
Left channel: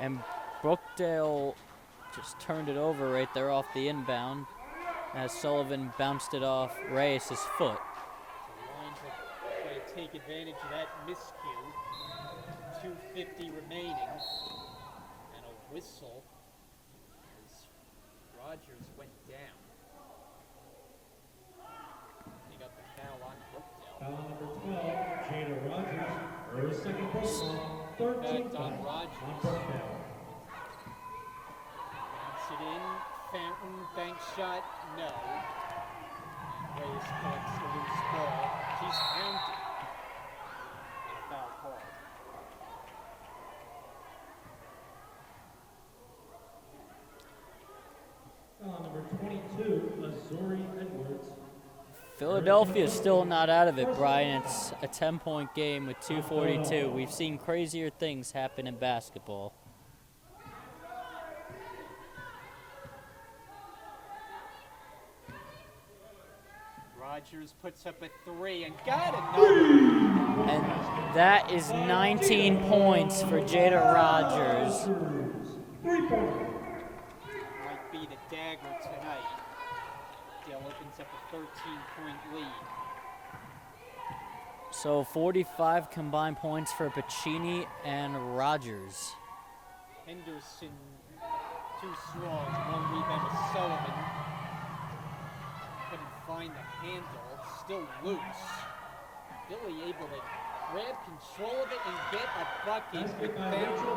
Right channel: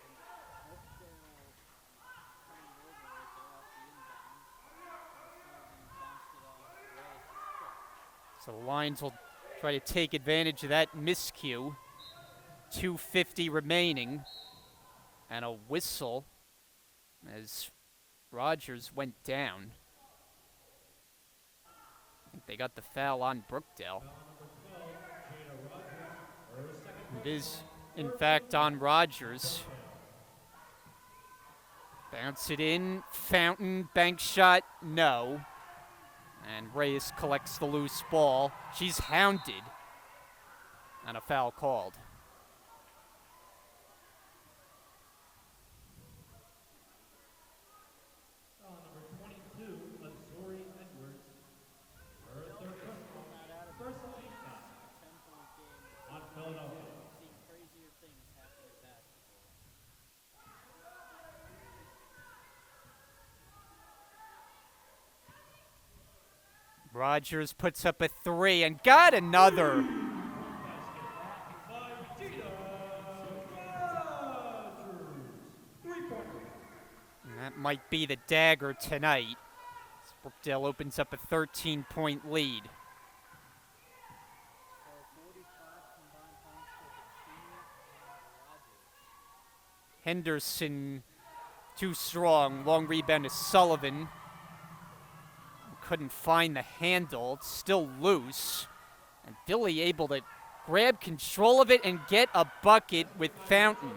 And Brookdale just turned it over right there off the inbound as Sullivan bounced it off Reyes' foot. So the Lions will try to take advantage of that miscue. 2:50 remaining, and a whistle as Rogers went down. They got the foul on Brookdale. Foul number 12, Jada Rogers. Her second personal. In fact, on Rogers. Bounce it in. Fountain, bank shot, no. And Reyes collects the loose ball. She's hounded. And a foul called. Foul number 22, Azuri Edwards. Philadelphia's still not out of it, Brian. It's a 10-point game with 2:42. We've seen crazier things happen in basketball. Rogers puts up a 3 and got another. And that is 19 points for Jada Rogers. That might be the dagger tonight. Brookdale opens up a 13-point lead. So 45 combined points for Piccini and Rogers. Henderson too strong. Long rebound to Sullivan. Couldn't find the handle. It's still loose. And Billy able to grab control of it and get a bucket with Fountain.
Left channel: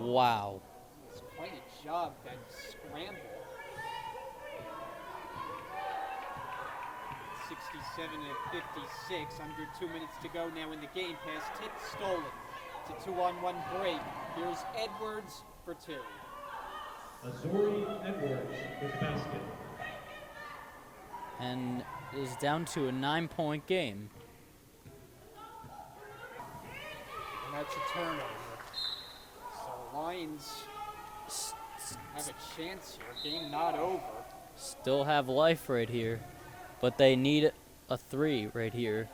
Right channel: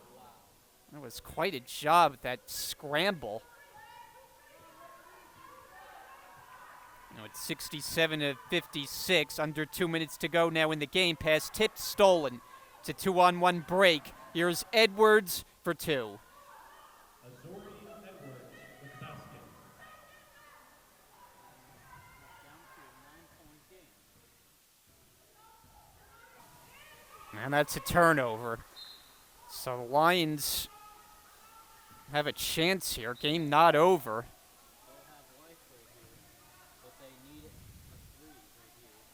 Wow. That was quite a job, that scramble. Now it's 67-56, under 2 minutes to go now in the game. Pass tipped, stolen. It's a 2-on-1 break. Here's Edwards for 2. Azuri Edwards with the basket. And is down to a 9-point game. And that's a turnover. So the Lions have a chance here. Game not over. Still have life right here. But they need a 3 right here.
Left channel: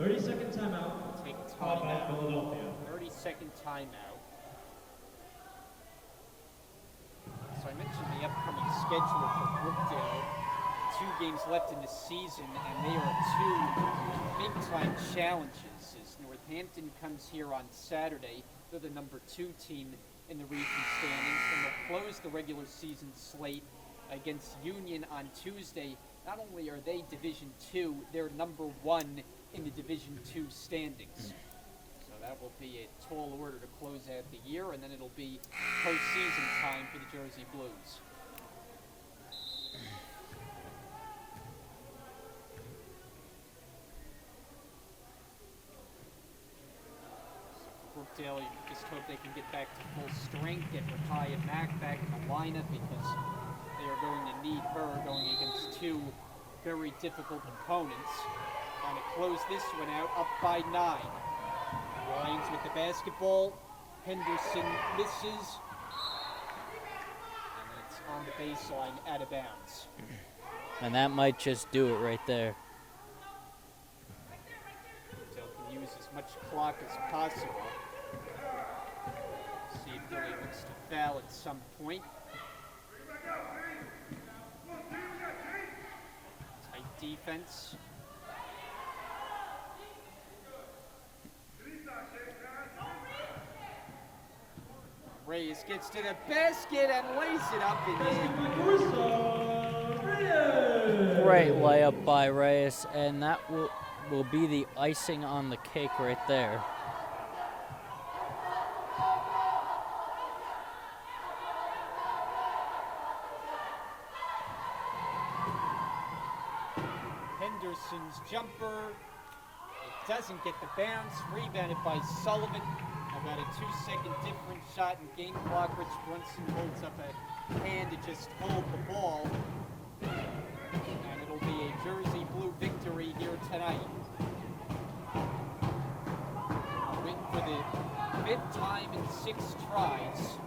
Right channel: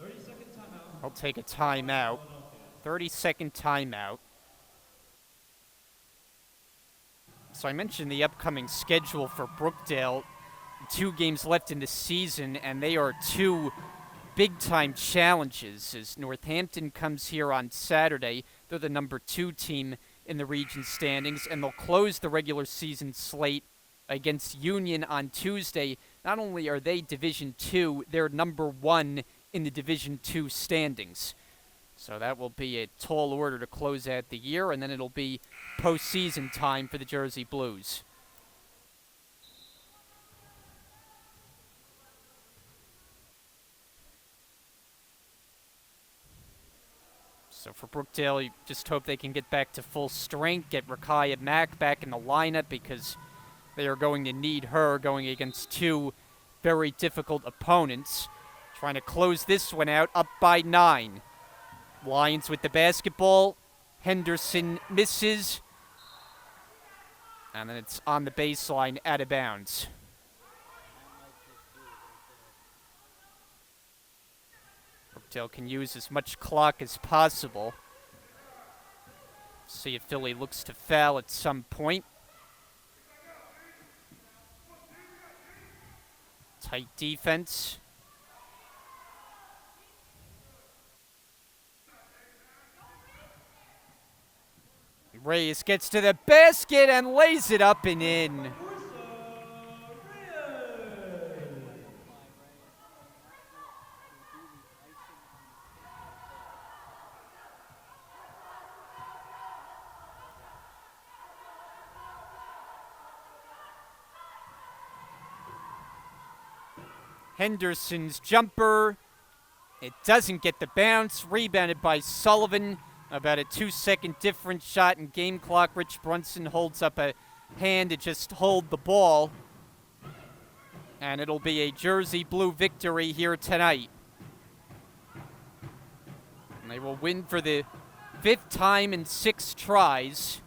30-second timeout. I'll take a timeout. 30-second timeout. So I mentioned the upcoming schedule for Brookdale. 2 games left in the season, and they are 2 big-time challenges as Northampton comes here on Saturday. They're the number 2 team in the region standings, and they'll close the regular season slate against Union on Tuesday. not only are they Division II, they're number 1 in the Division II standings. So that will be a tall order to close out the year, and then it'll be postseason time for the Jersey Blues. So for Brookdale, you just hope they can get back to full strength, get Rakaya Mack back in the lineup, because they are going to need her going against 2 very difficult opponents. Trying to close this one out, up by 9. Lions with the basketball. Henderson misses. And then it's on the baseline, out of bounds. And that might just do it right there. Brookdale can use as much clock as possible. See if Philly looks to foul at some point. Tight defense. Reyes gets to the basket and lays it up and in. Great layup by Reyes, and that will be the icing on the cake right there. Henderson's jumper. It doesn't get the bounce. Rebounded by Sullivan. About a 2-second difference shot in game clock. Rich Brunson holds up a hand to just hold the ball. And it'll be a Jersey Blue victory here tonight. They will win for the 5th time in 6 tries.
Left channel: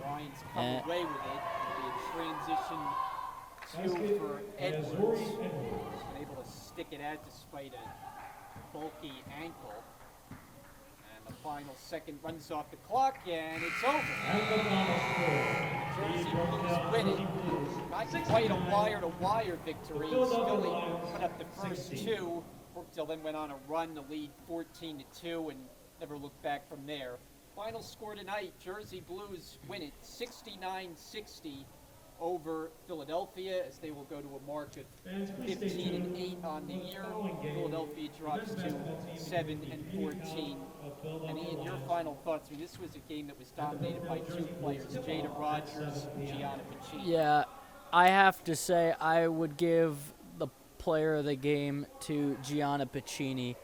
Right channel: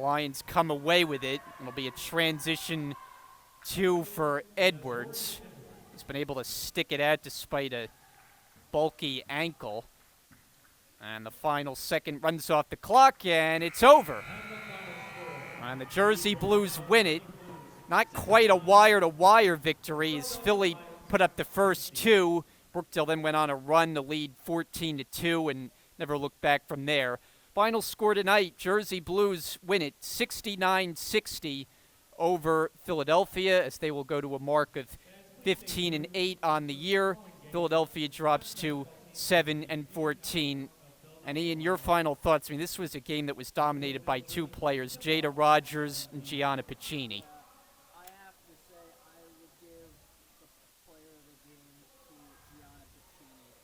Lions come away with it. It'll be a transition 2 for Edwards. He's been able to stick it out despite a bulky ankle. And the final second runs off the clock, and it's over. And the Jersey Blues win it. Not quite a wire-to-wire victory as Philly put up the first 2. Brookdale then went on a run to lead 14-2 and never looked back from there. Final score tonight, Jersey Blues win it 69-60 over Philadelphia, as they will go to a mark of 15-8 on the year. Philadelphia drops to 7-14. And Ian, your final thoughts? I mean, this was a game that was dominated by 2 players, Jada Rogers and Gianna Piccini. Yeah, I have to say I would give the player of the game to Gianna Piccini,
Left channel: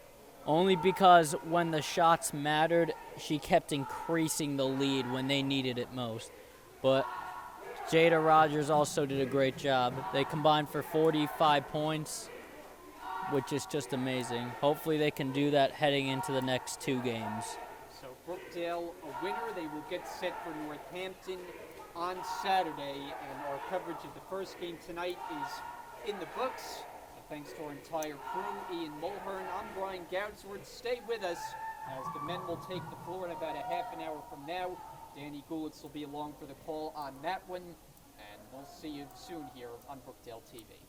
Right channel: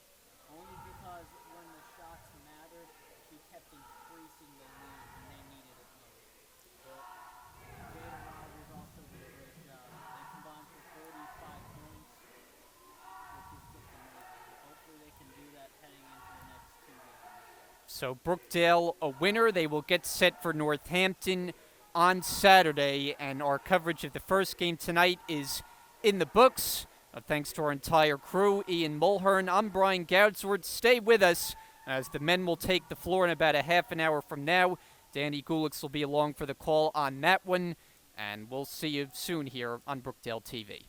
only because when the shots mattered, she kept increasing the lead when they needed it most. But Jada Rogers also did a great job. They combined for 45 points, which is just amazing. Hopefully they can do that heading into the next 2 games. So Brookdale a winner. They will get set for Northampton on Saturday, and our coverage of the first game tonight is in the books. Thanks to our entire crew, Ian Mulhern. I'm Brian Goudsward. Stay with us as the men will take the floor in about a half an hour from now. Danny Gulix will be along for the call on that one, and we'll see you soon here on Brookdale TV.